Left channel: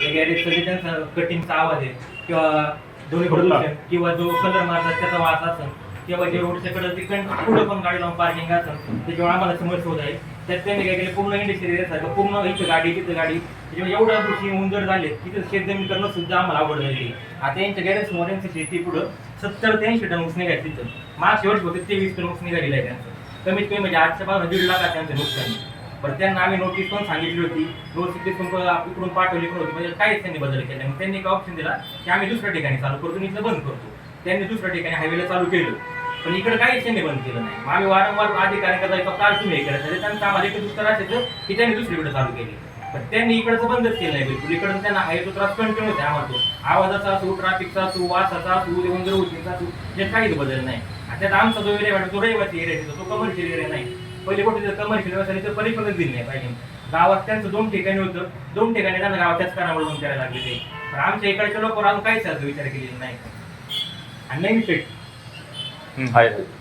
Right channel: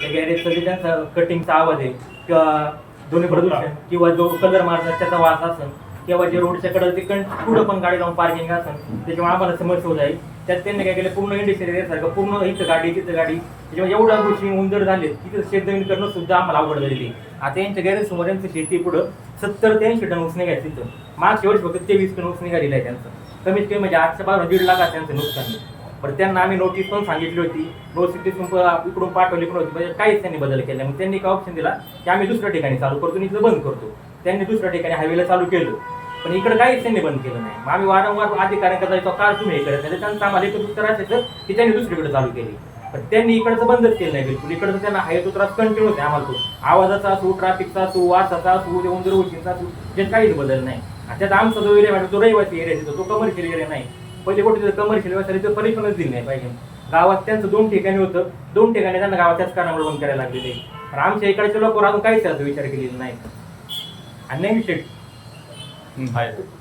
त्या गॅरेजचं जे त्यांचा कटिंगचा आवाज आहे किंवा दोन्ही प्रदूषण किंवा जो कलर मारतात त्याचा वास असेल किंवा जे रोडच्या कडे ते पुढं पण गाडी जाऊन पार्किंग असेल त्याच्यामुळे आम्हाला समस्या होत आहे. त्यात त्यांनी काय केलं पूर्ण इंडस्ट्रियल एरियासारखं पूर्ण इथं गाडी तिथं गाडी त्याच्यामुळे एवढ्या गोष्टी उंदर झाले की तिथं शेतजमीन करणं सुद्धा आम्हाला अवघड झालेली आहे. आता यांच्या गॅरेज समोर यांची शेती पुढं 70 ते 80 टन ऊस निघायचं तिथं मागच्या वर्षी फक्त 23 टन ऊस निघालेलं आहे त्यांचं. कमीत कमी म्हणजे आजच्या 1.5 लाख त्यांचं नुकसान. बरं त्यांना आम्ही नोटीस पण सांगितली होती, नोटीस इकडून पाठवली पण होती, म्हणजे काहीच त्यांनी बदल केला. मग त्यांनी काय ऑप्शन दिला की आम्ही दुसऱ्या ठिकाणी चालू करतो आणि इथलं बंद करतो. त्यांनी दुसऱ्या ठिकाणी हायवेला चालू केलं पण इकडे काहीच त्यांनी बंद केलं नाही. मग आम्ही वारंवार अधिकाऱ्यांकडे जायचो, काल तुम्ही हे करायचं त्यांचं आम्हाला एकच उत्तर असायचं की त्यांनी दुसरीकडे चालू केली. पण त्यांनी इकडचं बंदच केलं नाही बिलकुल. इकडचं त्यांना हायवेचा त्रास कंटिन्यू होते आम्हाला. तो आवाजाचा असो, ट्रॅफिकचा असो, वासाचा असो, उंदर उशीचा असो, यात काहीच बदल नाही. त्यात आमचा जो एरिया तो रहिवासी एरिया तिथं, तो कमर्शियल एरिया नाही. पहिले कुठे कमर्शियल व्यवसाय तर पलीकडूनच दिली नाही पाहिजे. गावात त्यांचं 2 ठिकाणी होतं, 2 ठिकाणी त्यांना गावात त्याच कारणामुळे बंद करायला लागले. पण आमच्या इकडचे लोक अजून काहीच विचार केलेला नाही. आणि नाही शेट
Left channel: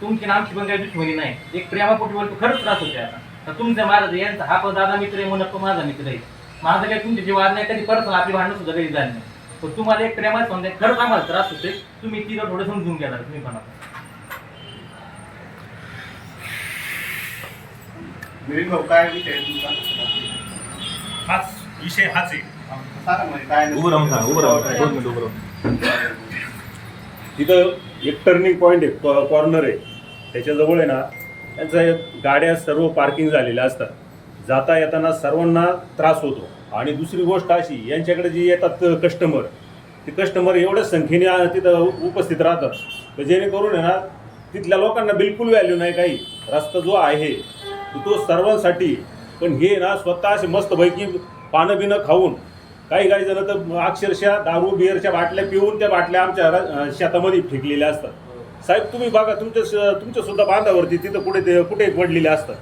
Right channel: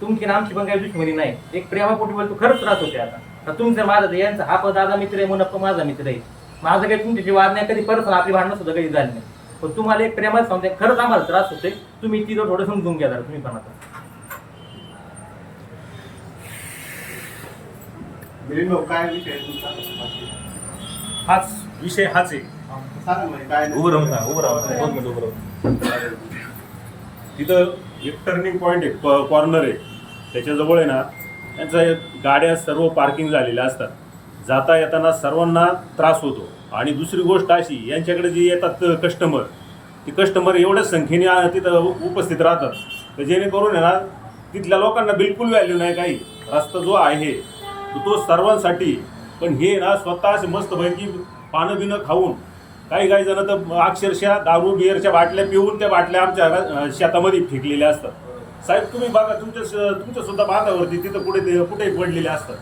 तुमची आमची पण काही दुश्मनी नाही. एक प्रेमापोटी तो खरंच त्रास होते. आता तुमचा माझा यांचा हा पण दादा मित्र आहे, मनप्पा माझा मित्र आहे. माझं काही तुमची वाद नाही, कधी पर्सनल आपली भांडणं सुद्धा कधी झाली नाही. पण तुम्हाला एक प्रेमात सांगते खरंच आम्हाला त्रास होते. तुम्ही तिथं थोडं समजून घ्या तुम्ही पण. आता काय विषय तुमचा? हाच विषय हाच आहे. तिथं एक टर्निंग पॉईंट आहे, कॉर्नर आहे, त्याच्याजवळ आहे ना त्यांच्या गाड्या सर्व पार्किंग झालेल्या असतात. जाता येताना सर्वांना त्रास होतो. आणि दुसरी गोष्ट अशी, यांच्याकडे जे येतात कस्टमर, ते कस्टमर एवढ्या संख्येने तिथं उपस्थित राहतात तर जेणेकरून आहे ना तिथल्या लोकांना बिलकुल व्हॅल्यू नाही काही. रस्ता जो आहे तो सर्वांसाठी, पण हे ना स्वतः असे मस्तपैकी पानं बिनं खाऊन काही जण तर अक्षरशः दारू बिअरच्या बाटल्या पिऊन त्या बाटल्या आमच्या शेतामध्ये फेकलेल्या असतात. साहेब तुम्ही बघा, तुमच्या सुद्धा बांधावरती तिथं कुठे पडलेले असतात.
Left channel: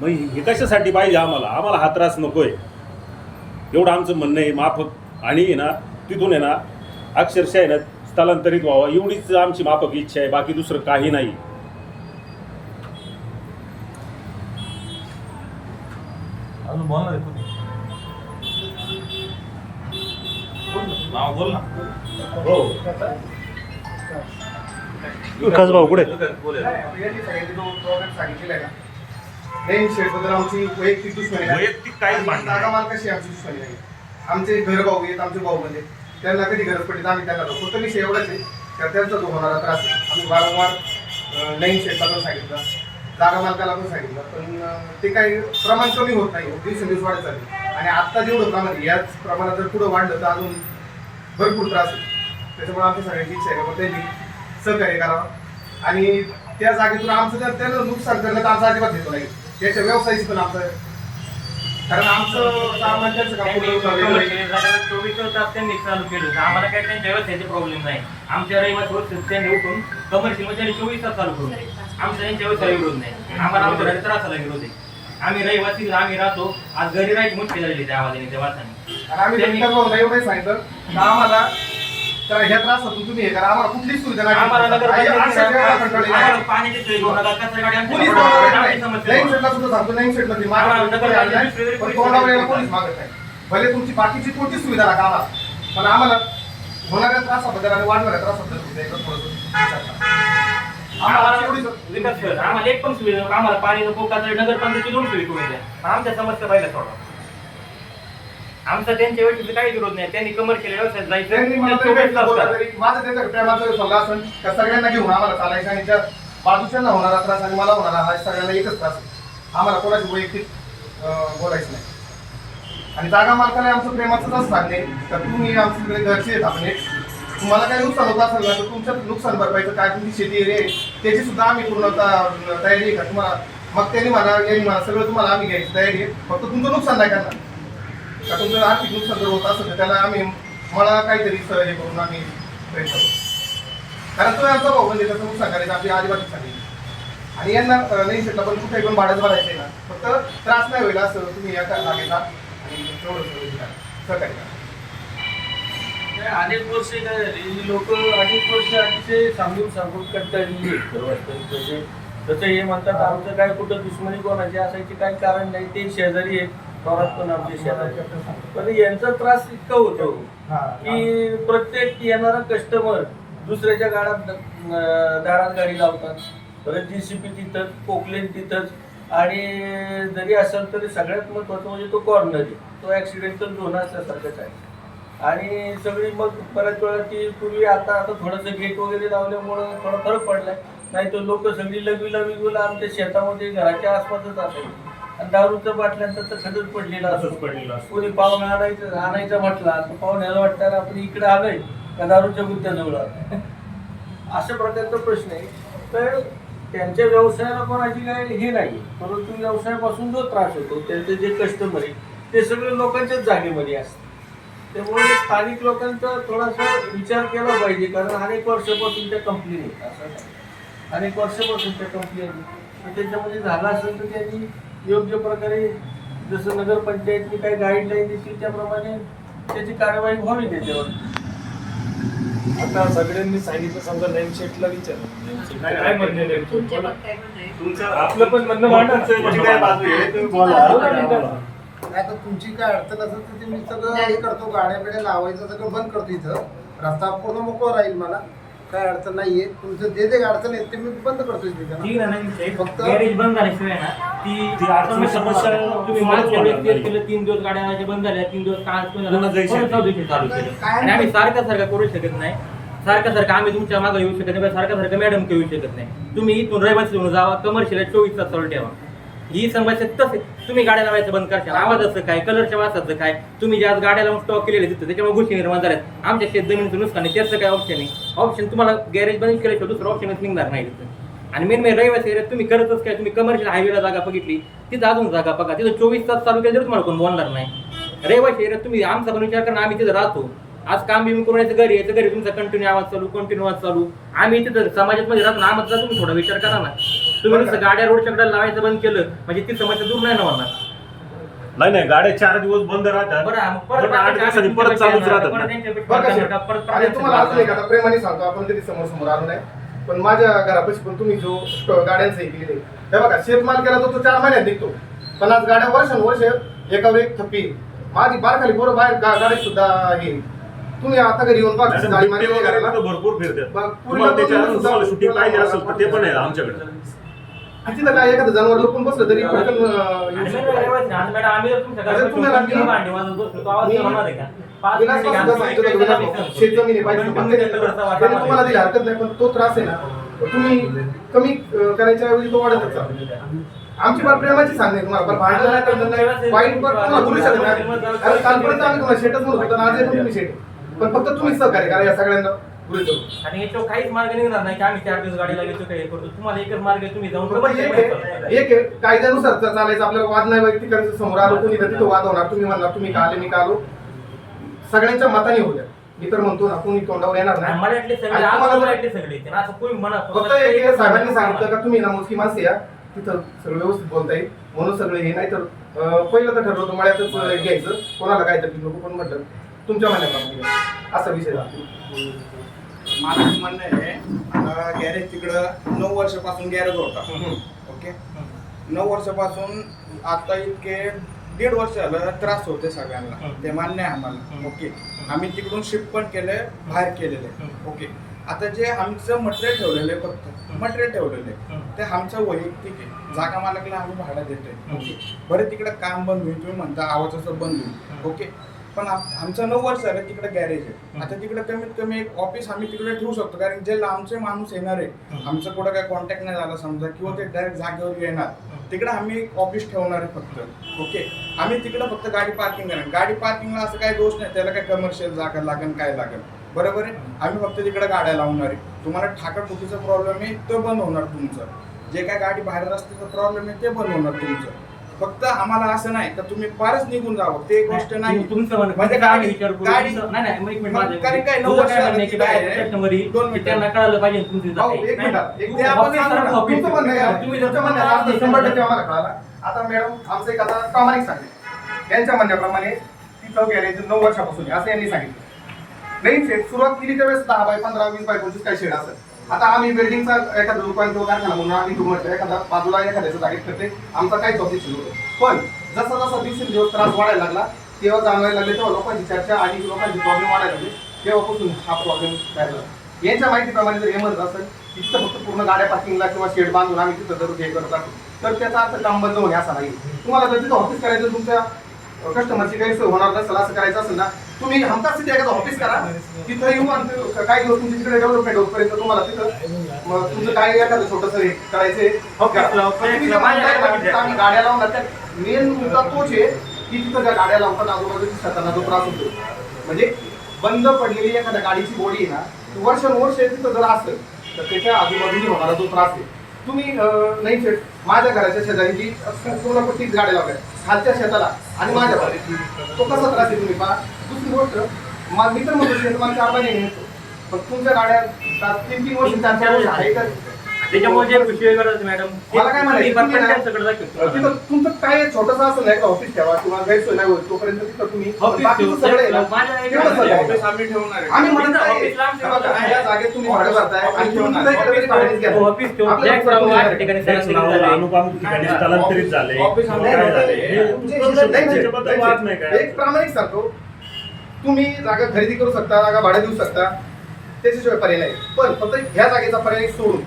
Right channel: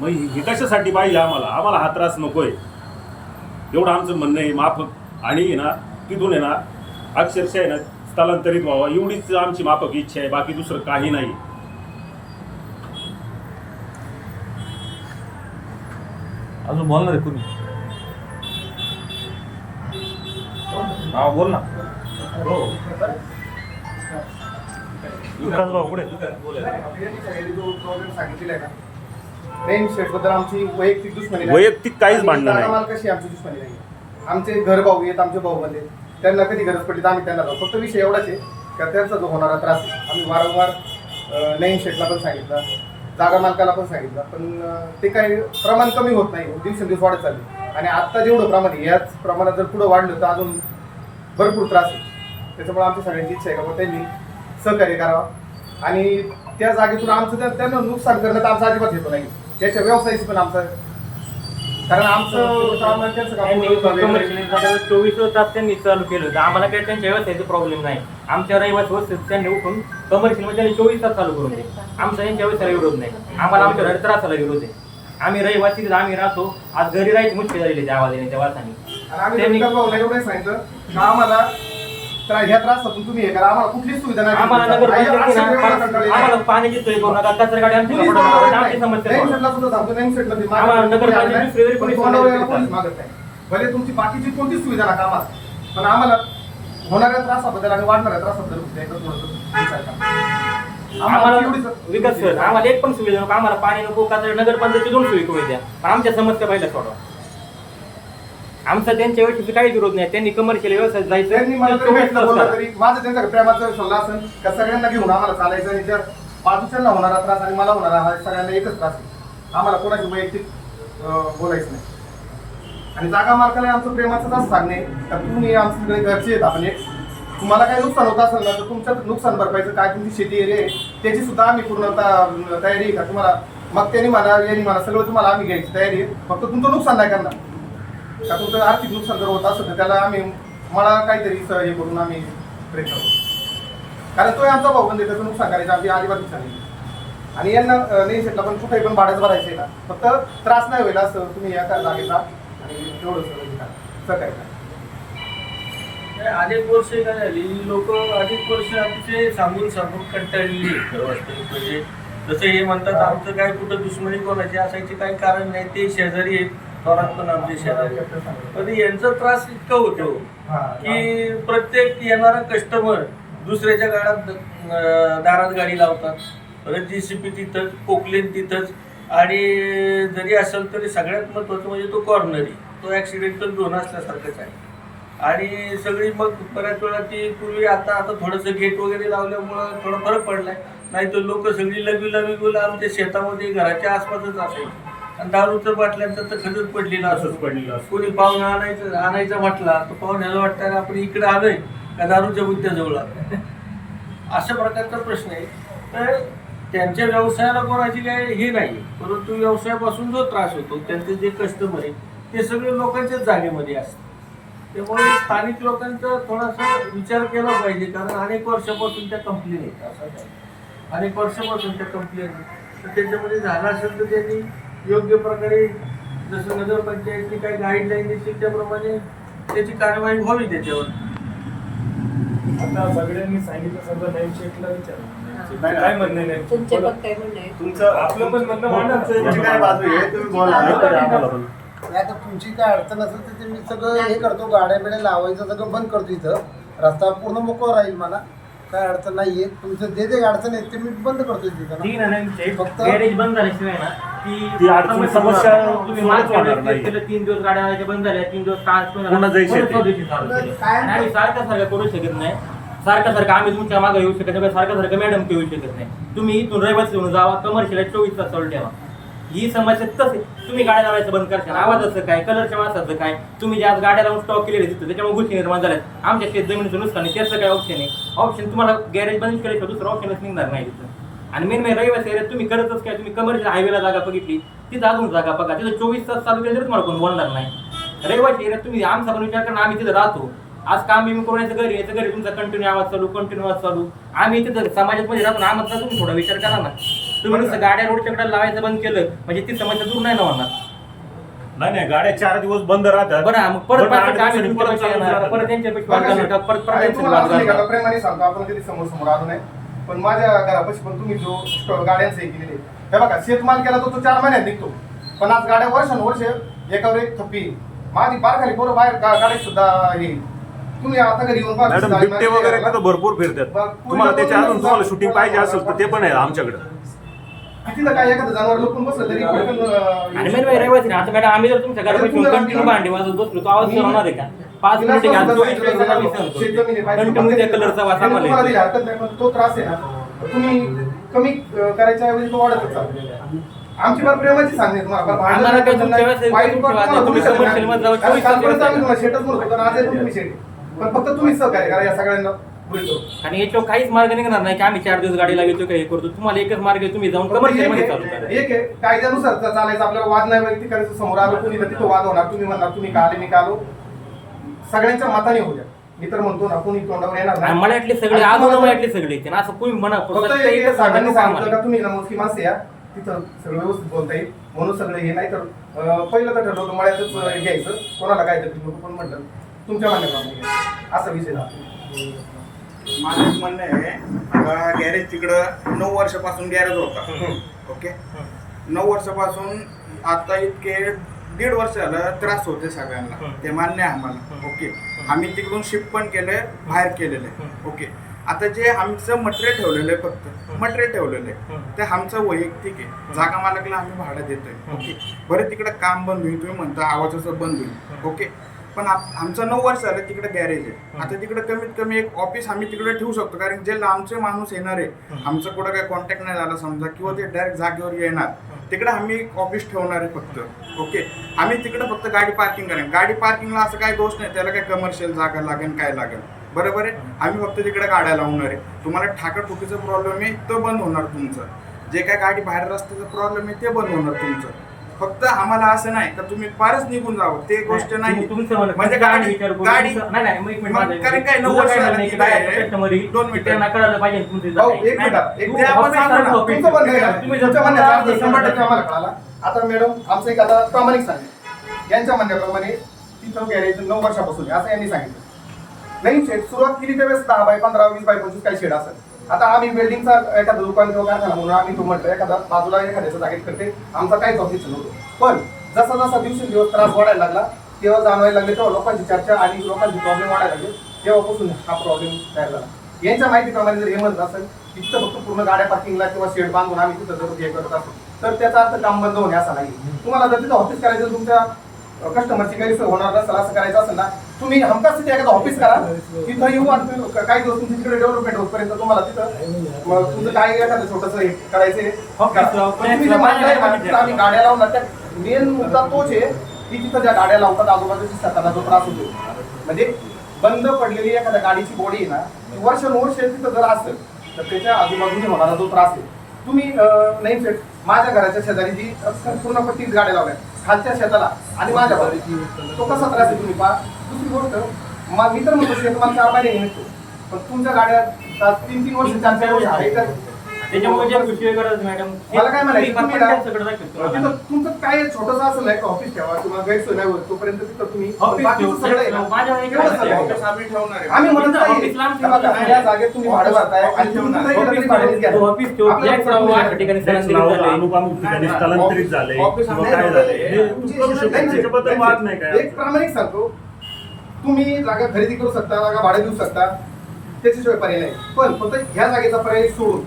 मग हे कशासाठी पाहिजे? आम्हाला हा त्रास नको आहे, एवढं आमचं म्हणणं आहे माफक. आणि ना तिथून आहे ना अक्षरशः आहे ना स्थलांतरित व्हावं एवढीच आमची माफक इच्छा आहे, बाकी दुसरं काही नाही. अजून बोलणार आहे तुम्ही? बोल ना. हो विकास भाऊ कुठे? बद्दल आमची वैयक्तिक दुश्मनी नाही. वैयक्तिक काहीच भांडण नाही. जागा मालकाशी आमची दुश्मनी नाही. आमचे घर भाऊ आहेत, आमचे भाऊ म्हणजे त्यांना कधी गरज पडली तर आम्ही त्यांना जाऊ. फक्त विषय एवढाच आहे तर त्यांचा जो होणारा त्रास आहे आम्ही वारंवार नईन शेटला पण सांगितलं, जागा मालकाला पण सांगितलं, पण ते काही प्रमाण कमी होत नाही, दिवसेंदिवस वाढत चालले. आणि आत्ता जेवढं प्रमाण आहे याच प्रमाणात जर पुढं वाढलं तर अजून भरपूर त्रास आहे. त्याच्यामुळे आमच्या सगळ्यांची इच्छा आहे का त्यांनी सहकार्य करावं आणि त्या जागेतून आमचं त्यांना नुकसान करण्यात आमचा अजिबात येतो नाही. त्याच्या व्यवसायाची पण आमचं, कारण आमचं सामान त्यांचं काम 24 तास त्यांनी चालू केलं होतं. आम्हाला काही त्यांच्या व्यवसायाचे प्रॉब्लेम नाही. आमच्या रहिवासी त्यांनी उठून कमर्शियल मध्ये 24 तास चालू करून दिले. आमचा त्यांच्या व्यवसाय विरोध नाही. आम्हाला आमच्या घरी त्रासाला विरोध आहे. आम्ही रहिवासी आम्ही राहतो, आज घरी राहायची मुश्किल झालेली त्या आवाजाने त्या वासाने. आम्ही एवढं सांगितलं की आम्हाला ह्या त्रासातून तुम्ही हे करा, आम्हाला कुठलीच सुविधा नाही. आम्हाला पाण्याची सोय करू नका, कचरा गाडी आमची भले तुमची बाकीची कोणतीच सुविधा नका आम्हाला, पण आम्हाला होणाऱ्या त्रासाबद्दल आणि वाढणाऱ्या त्रासाबद्दल विकास कर. आम्हाला एक पण सुविधा नको. आम्हाला पाणी नको, कचरा नगरपंचायतची 2 सुविधा होत्या. आमच्या समस्या पहिल्या सोडवा. आमचा त्यांच्या वेळेस काही विरोध नाही. त्यांनी कमर्शियल व्यवसायात जायचं. माझं त्यांचा प्रेमाचा सल्ला असेल का सगळ्यांना घेऊन आम्हाला चालायचं आणि ज्या बाजूच्यांना होणारा त्रास आणि मला होणारा हा सगळ्यांना एकच त्रास आहे. आम्हाला कोणाची वैयक्तिक बोलायचं नाही. आणि जागा मालकाने आमचं प्रेमाचं असं सांगणे तर तुम्ही आमच्याकडे घरचे आहेत, आपण तुम्हाला काही नुकसान होत असेल तर तुमच्या नुकसान भरपाईचं काय तुमची शेती एरिया त्याची सुद्धा आम्ही पूर्णतः तयारी आहे का तुम्हाला. मग त्यांनी म्हणा यांनी म्हणा सगळं तुम्हाला आम्ही घ्यायची तयारी आहे. फक्त तुमचं नुकसान नाही करणार. का तुमचं आर्थिक नुकसान जर होत असेल तर त्याला आम्ही मला काहीतरी हे करून आम्ही प्रयत्न करू. कारण तो आमचा भाऊ म्हणजे त्याचं नुकसान करायचं आमची अजिबात इच्छा नाही. आणि यांना नाही शेटला पण कुठेही पण भाड्याच भरायचं आहे ना, फक्त त्रास नाही होईल असं तुम्ही या लागेल आणि तेवढं सहकार्य करा. अनेक वर्ष काय झाली, लोक अनेक वर्ष अतिशय सांगून कंटाळलेली आहेत. खरं वाटतं म्हणजे जसं हे म्हणतात आमचं काय कुठं दुश्मनी कोणाची असायची काही कारण नाही. ते शेजारी आहेत, थोरात पण आमचे शेजारी पण यांचा त्रास इतका होतो की प्रत्येक येणारा कस्टमर दुसऱ्याच्या दारात गाडी लावतात. परत JCB तिथंच, पोकलेन तिथंच, आणि जरी असेल तरी सगळ्यात महत्त्वाचं म्हणजे तो कॉर्नरी, तो ॲक्सिडेंटल झोन असल्यासारखंच आहे. आणि सगळी मग बऱ्याच वेळा ती पूर्वी आता थोडंसं गेट वगैरे लावल्यामुळं थोडा फरक पडलाय. नाही तर लोक सगळी लघवी आमच्या शेतामध्ये घराच्या आसपासच असायची. आणि दारूच्या बाटल्यांचा तर खरंच पडलेला असतो. कोणी पाहुणा आणायचा म्हटला तर पाहुण्याला वाटतं आपण इकडे आलोय का दारूच्या बुद्ध्याजवळ आलोय. अशा प्रकारचा प्रश्न आहे. तर त्यांच्या व्यवसायाला कोणाची काय हे नाही, परंतु व्यवसायापासून जो त्रास होतो त्यांचे जे कस्टमर आहे ते सगळे लोकांच्याच जागेमध्ये असतात. त्यामुळे स्थानिक लोकांचा थोडासा विचार केला पाहिजे, कारण अनेक वर्षापासून त्या कंप्लेन आहेत. असं नाही, अनेक वर्षापासून त्या कंप्लेन, तर त्याच्यामध्ये झालं असेल तर त्यांनी योग्य प्रकारे जसं नगरपंचायतनी काही गाईडलाईन देतील त्याप्रमाणे त्याची कार्यवाही व्हावी त्याच्यावर. आता सगळ्यांनी सांगितलं, समजा नैम शेठला विचारा काय म्हणणं आहे तुमचं पण काय म्हणणं आहे? तुमचं आपलं पण म्हणणं मांडा. तुमची काय बाजू आहे तुम्ही बोला. नाही आता तुमची काय अडचण असेल तर ते मी सगळं हे करतो, गाड्या बिड्या लावायचं सगळं बंद करतो. इथं रस्ता पूर्ण मोकळं राहील, मला काय अडचण नाहीये. तुमचं जे जे अडचण आहे ते मी बंद करतो तिथं. ठीक आहे ना, फक्त गॅरेज बंद झाल्याशिवाय ना ती अडचण समस्या तुम्ही मागच्या वेळेस केस केलं, 3 दिवस गाड्या लावायच्या बंद झाल्या, 3 दिवस पुन्हा जायचं ते. चालू केली. आणि आम्ही सारखं करू शकत नाही. सारखं आम्ही तुमच्या मागे येऊ शकत नाही, सारखं मॅडम येऊ शकत नाही. तुम्ही इथून रहिवासी येऊन जावा, कमर्शियल 24 तास चालू ठेवा. ही समस्या तसे तुम्ही गाड्या लावायचं बंद करशाल. आवाजाचं काय, कलरच्या वासाचं काय, तुम्ही ज्या गाड्या लावून स्टॉक केलेले तिथं त्याच्यामुळे गोष्टी निर्माण झाल्यात. आमच्या शेत जमिनीचं नुकसान आहे, त्याचं काय ऑप्शन आहे? ऑप्शन तुम्हाला गॅरेज बंद केल्याशिवाय दुसरं ऑप्शनच निघणार नाही तिथून. आणि मेन रहिवासी एरियात तुम्ही करतच काय, तुम्ही कमर्शियल हायवेला जागा बघितली, तिथं अजून जागा बघा, तिथं 24 तास चालू केलं तरी तुम्हाला कोण बोलणार नाही. रहिवासी एरियात तुम्ही आमचा पण विचार करा, आम्ही तिथं राहतो, आज काम बिम करून यायचं, घरी यायचं, घरी तुमचा कंटिन्यू आवाज चालू. आम्ही तिथं समाजात मध्ये राहतो ना, आम्हाला तुम्ही थोडा विचार करा ना. तुम्ही नुसतं गाड्या रोडच्या कडे लावायचं बंद केलं म्हणजे ती समस्या दूर नाही ना होणार. नाही गाड्या 4 दिवस बंद राहतात, बरं मग परत पण 8 दिवसांनी परत चालूच राहतात. परत त्यांच्यापेक्षा बघा, आणि तुम्हाला असं नाही का, परत आता प्रेमाने सांगतो, आपण कधी समोर आलो नाही, पण माझ्या घरापाशी पण तुम्ही जो गाड्यांचं हे केलेलं आहे, हे बघा, शेतमाल केला तो 4 महिन्यात निघतो, पण आज गाड्या वर्षानुवर्ष एकावर एक थप्पी. माझी बारखाली बरोबर बाहेर गाड्या सुद्धा हे तुम्ही आता घरी येऊन बघा, मॅडम गाडी बिबटे मारली वगैरे घराला. ना भरपूर फिरतात. बघ, तुम्हाला त्याच्या अजून तुम्हाला पूर्ण शूटिंग पाहिजे असेल तर ते पण आहे आमच्याकडे. किती ना काय एखादं जनावर लपून बसलं तरी पटकन येऊ आणि शकतं. मेन रहिवासी ना, आता मॅडम आम्ही जर तुमच्या म्हणजे घरात तुम्हाला बसून भांडी वाजवत बसलो तर आवाज होणार आहे का? 5 तिला मिनिटं सुद्धा घालतो, सांगितलं एक होतं, तासाला मी सहन शेतजमिनी करतो. पाहिजे, कंटिन्यू त्या कलरचा पण वास त्याने तुम्हाला आम्हाला दिली हरकत नाही, पण तो त्रास आहे ना, तुम्ही कमी करायच्या ऐवजी तो वाढतच चालतो. आमची बात प्रेमाची सांगणे तुम्हाला, पण भांडण नाही, टेन्शन नाही, वाईट पण तुम्हाला बोलू शकत नाही. कारण कालपर्यंत आम्ही तुम्हाला शेटच म्हणत होतो, आज आहे पण तुम्ही शेट, पण फक्त तुम्हीच सहकार्य करा या सगळ्यांना गृहीत धरून. आणि याच्यावर काहीच मार्ग निघणार नाही की आम्ही 4 दिवस गाडी लागतो काही करतो. तुम्हाला एकच मार्ग आहे, तुम्ही जाऊन फक्त commercial एक मध्ये आहे, चालू करा. एक आहे, कायद्यानुसार चालायचं, आपल्याला वाद नाही वैयक्तिक करायचं. समोर आलो कोणी तर तिथं वाद होणार, तुम्ही म्हणणार तुम्ही का आले मी का आलो, सगळ्यांच्या मताने होऊ द्या. मी तर म्हणतो ना, कोणी तोंडावर येणार आणि नाही. मळ्यातले सगळे आणि आज तुम्हाला मळ्यातले सगळे येते ना, असं कोणी म्हणा फक्त एक आहे, साहेबांनी सांगितलं का तुम्ही ना मोजकी माणसं या, तिथं सगळं व्यवस्थित बोलता येईल म्हणून सगळं हे. नाही तर पहिलं तर ठरवलं होतं मळ्यातच घ्यायचं, कोणाला काय तर नको, पण म्हटलं तुमच्या म्हणण्याप्रमाणे असा विषय झाला. माझं म्हणणं आहे, गॅरेज तिकडं 9 वर्षापासून गॅरेज होता. ओके, 9 वर्षापासून आता इतके 1.5 वर्ष झालं त्रास होते सगळ्यांना, ते मान्य आहे आम्हाला. ओके, आम्ही तिकडून शिफ्ट पण केलंय, बाहेर केलेलं आहे. ओके, आता जे आमचं मटेरियल ठेवलेलं आहे, फक्त मटेरियल ठेवलेलं आहे ते आमचं वैयक्तिक आहे. जागा मालकला आम्ही भाडं देतोय. ओके, बरं तिकडं काम बंद होईल, तुम्ही म्हणता आवाजाचं बंद होईल. ओके, पण आमचं 9 वर्ष झालं तिकडे गॅरेज आहे. आता तिकडे कमीत कमी एक ऑफिस आम्ही तिकडे ठेवू शकतो, कारण जे लांबचे माणूस येणार आहे, आमचं कुठं काय कॉन्टॅक्ट नाही झाला समजा, किंवा ते डायरेक्ट जागेवर येणार, तिकडे आम्ही एक ऑफिस ठेवणार आहे फक्त. ओके, आम्ही तिकडे फक्त गाडी पार्किंग करेन. गाडी पार्किंगला असं काही दोष नाही, त्याला काय कमर्शियल जागा लागेल काय लागेल, बरोबर आहे. आम्ही फक्त तिकडे गाड्या लावणार आहे. तुम्हाला ठाकाठुकीचा प्रॉब्लेम आहे तो बंद होणार तुमचं, जे काय गाडी बाहेर रस्त्याचा प्रॉब्लेम आहे ते बंद होणार तुमचं. फक्त आम्हाला असं नाही का तुम्ही फारच निघून जावं, ते गोष्ट नाही. म्हणजे गाडी कारण काय 9 वर्ष झालं तिथं आहे. 2 मिनिटं त्यांना कळायला पाहिजे तुमची भाऊ, जागा आहे. एक मिनिट, एक तू ते आपण ऑफिस सांगू ना, ऑफिस तुमचं म्हणणं आहे. तुम्ही जर तुमच्या म्हणण्याचा अर्थ तुम्हाला 100% आम्हाला कळाला. आता मॅडम आमचं एक आता प्रामाणिक सांगेल, यांच्या म्हणण्याप्रमाणे तिथं गॅरेज 9 वर्षापासून आहे असं यांनी सांगितलं. नाही शेड सुरुवात केली त्यावेळेस 10 बाय 15, 20 बाय 25 काही शेड असेल. आता आम्ही बिल्डिंगचा एखादं दुकान किंवा कारखाना म्हणून आम्ही म्हटलं एखादा बाजूला एखाद्याचं जागेत करते, आमचा काहीच ऑब्जेक्शन नव्हतं. पण जसा जसा दिवसेंदिवस त्रास वाढायला लागला, तेव्हा जाणवायला लागले, तेव्हा लोकांची चर्चा आणि लोकांचे प्रॉब्लेम वाढायला लागले, तेव्हापासून हा प्रॉब्लेम तयार झाला. यांच्या माहितीप्रमाणे जर हे म्हणत असेल तिथं फक्त पूर्ण गाड्या पार्किंगला किंवा शेड बांधून आम्ही तिथं जर हे करत असतो तर त्याचा अर्थ काम बंद होणे असा नाही. तुम्हाला जर तिथं ऑफिस करायचं, तुमच्या कस्टमरची काही सोय होणार नसेल असं करायचं असेल ना, तुम्ही हमखास तिथे एखादं ऑफिस करा, तिथं येऊ आणि काही दिवस तुमची तिकडे डेव्हलपमेंट होतपर्यंत तुम्हाला तिथं मग तुमचं काय एखादं छोटंसं हे करायचे आम्ही गाड्या लावणार. त्या मेन मुद्दा तोच आहे की तिथं ज्या गाड्या लावतात आजूबाजूच्या शेतांना जो त्रास होतो, म्हणजे बंद पडलेली एखाद्या गाडीची बॉडी आहे ना, वर्षानुवर्ष तिथं जर असेल तर त्याच्या आजूबाजूने होणारा जो त्रास आहे, तुम्ही नाही शेत माझ्या घराच्या शेजारी जी पूर्ण 30 गाड्या लावल्या खालच्या शेताला आणि माझ्या बाजूला, तो कसा त्रास आहे तुम्ही पहा. दुसरी गोष्ट, मी तर म्हणतो शेत मला 4 महिने येतो, पण तुमच्या गाड्या 3-3 वर्ष 4-4 वर्ष आहे तर त्याच्यामुळे जे विषय गरज मॅडम मला काय म्हणायचं, तुम्ही ना, त्यांच्याकडे दाखवतो. तिथं तुमचं काय छोटंसं असेल एक ऑफिस ठेवा किंवा गैरसोय नाही होत तोपर्यंत तिथं तुम्ही ऑफिस बाकीचं ठेवू. सगळं आहे ना, माझ्या एक तेवढं सगळं आहे. ऑफिस आम्ही ठेवणार आहे. आम्ही म्हणत नाही ऑफिस लांब हे बघा, या जागेत तुम्ही भाडं भरताय आणि तुम्ही तिथं गेलं तरी भाड्यानेच घ्या. ऑफिस ठेवू. आपल्याला फ्लॅट लावून फरक अशा ठिकाणी Flex स्थलांतरित लावून झाले. अनुपामुक्त ठिकाणी स्थलांतरित झाले. ऑफिस आम्ही काय झालंय? हे नाही, त्याच्याबद्दल वाद नाही काय. एक प्रामाणिक सांगतो, तुम्ही जागा खरेदी करू शकता, जागा भाडे देऊ शकता, त्याच्याशिवाय पर्याय नाही. पण फक्त ह्या जागेचा पर्याय सोडून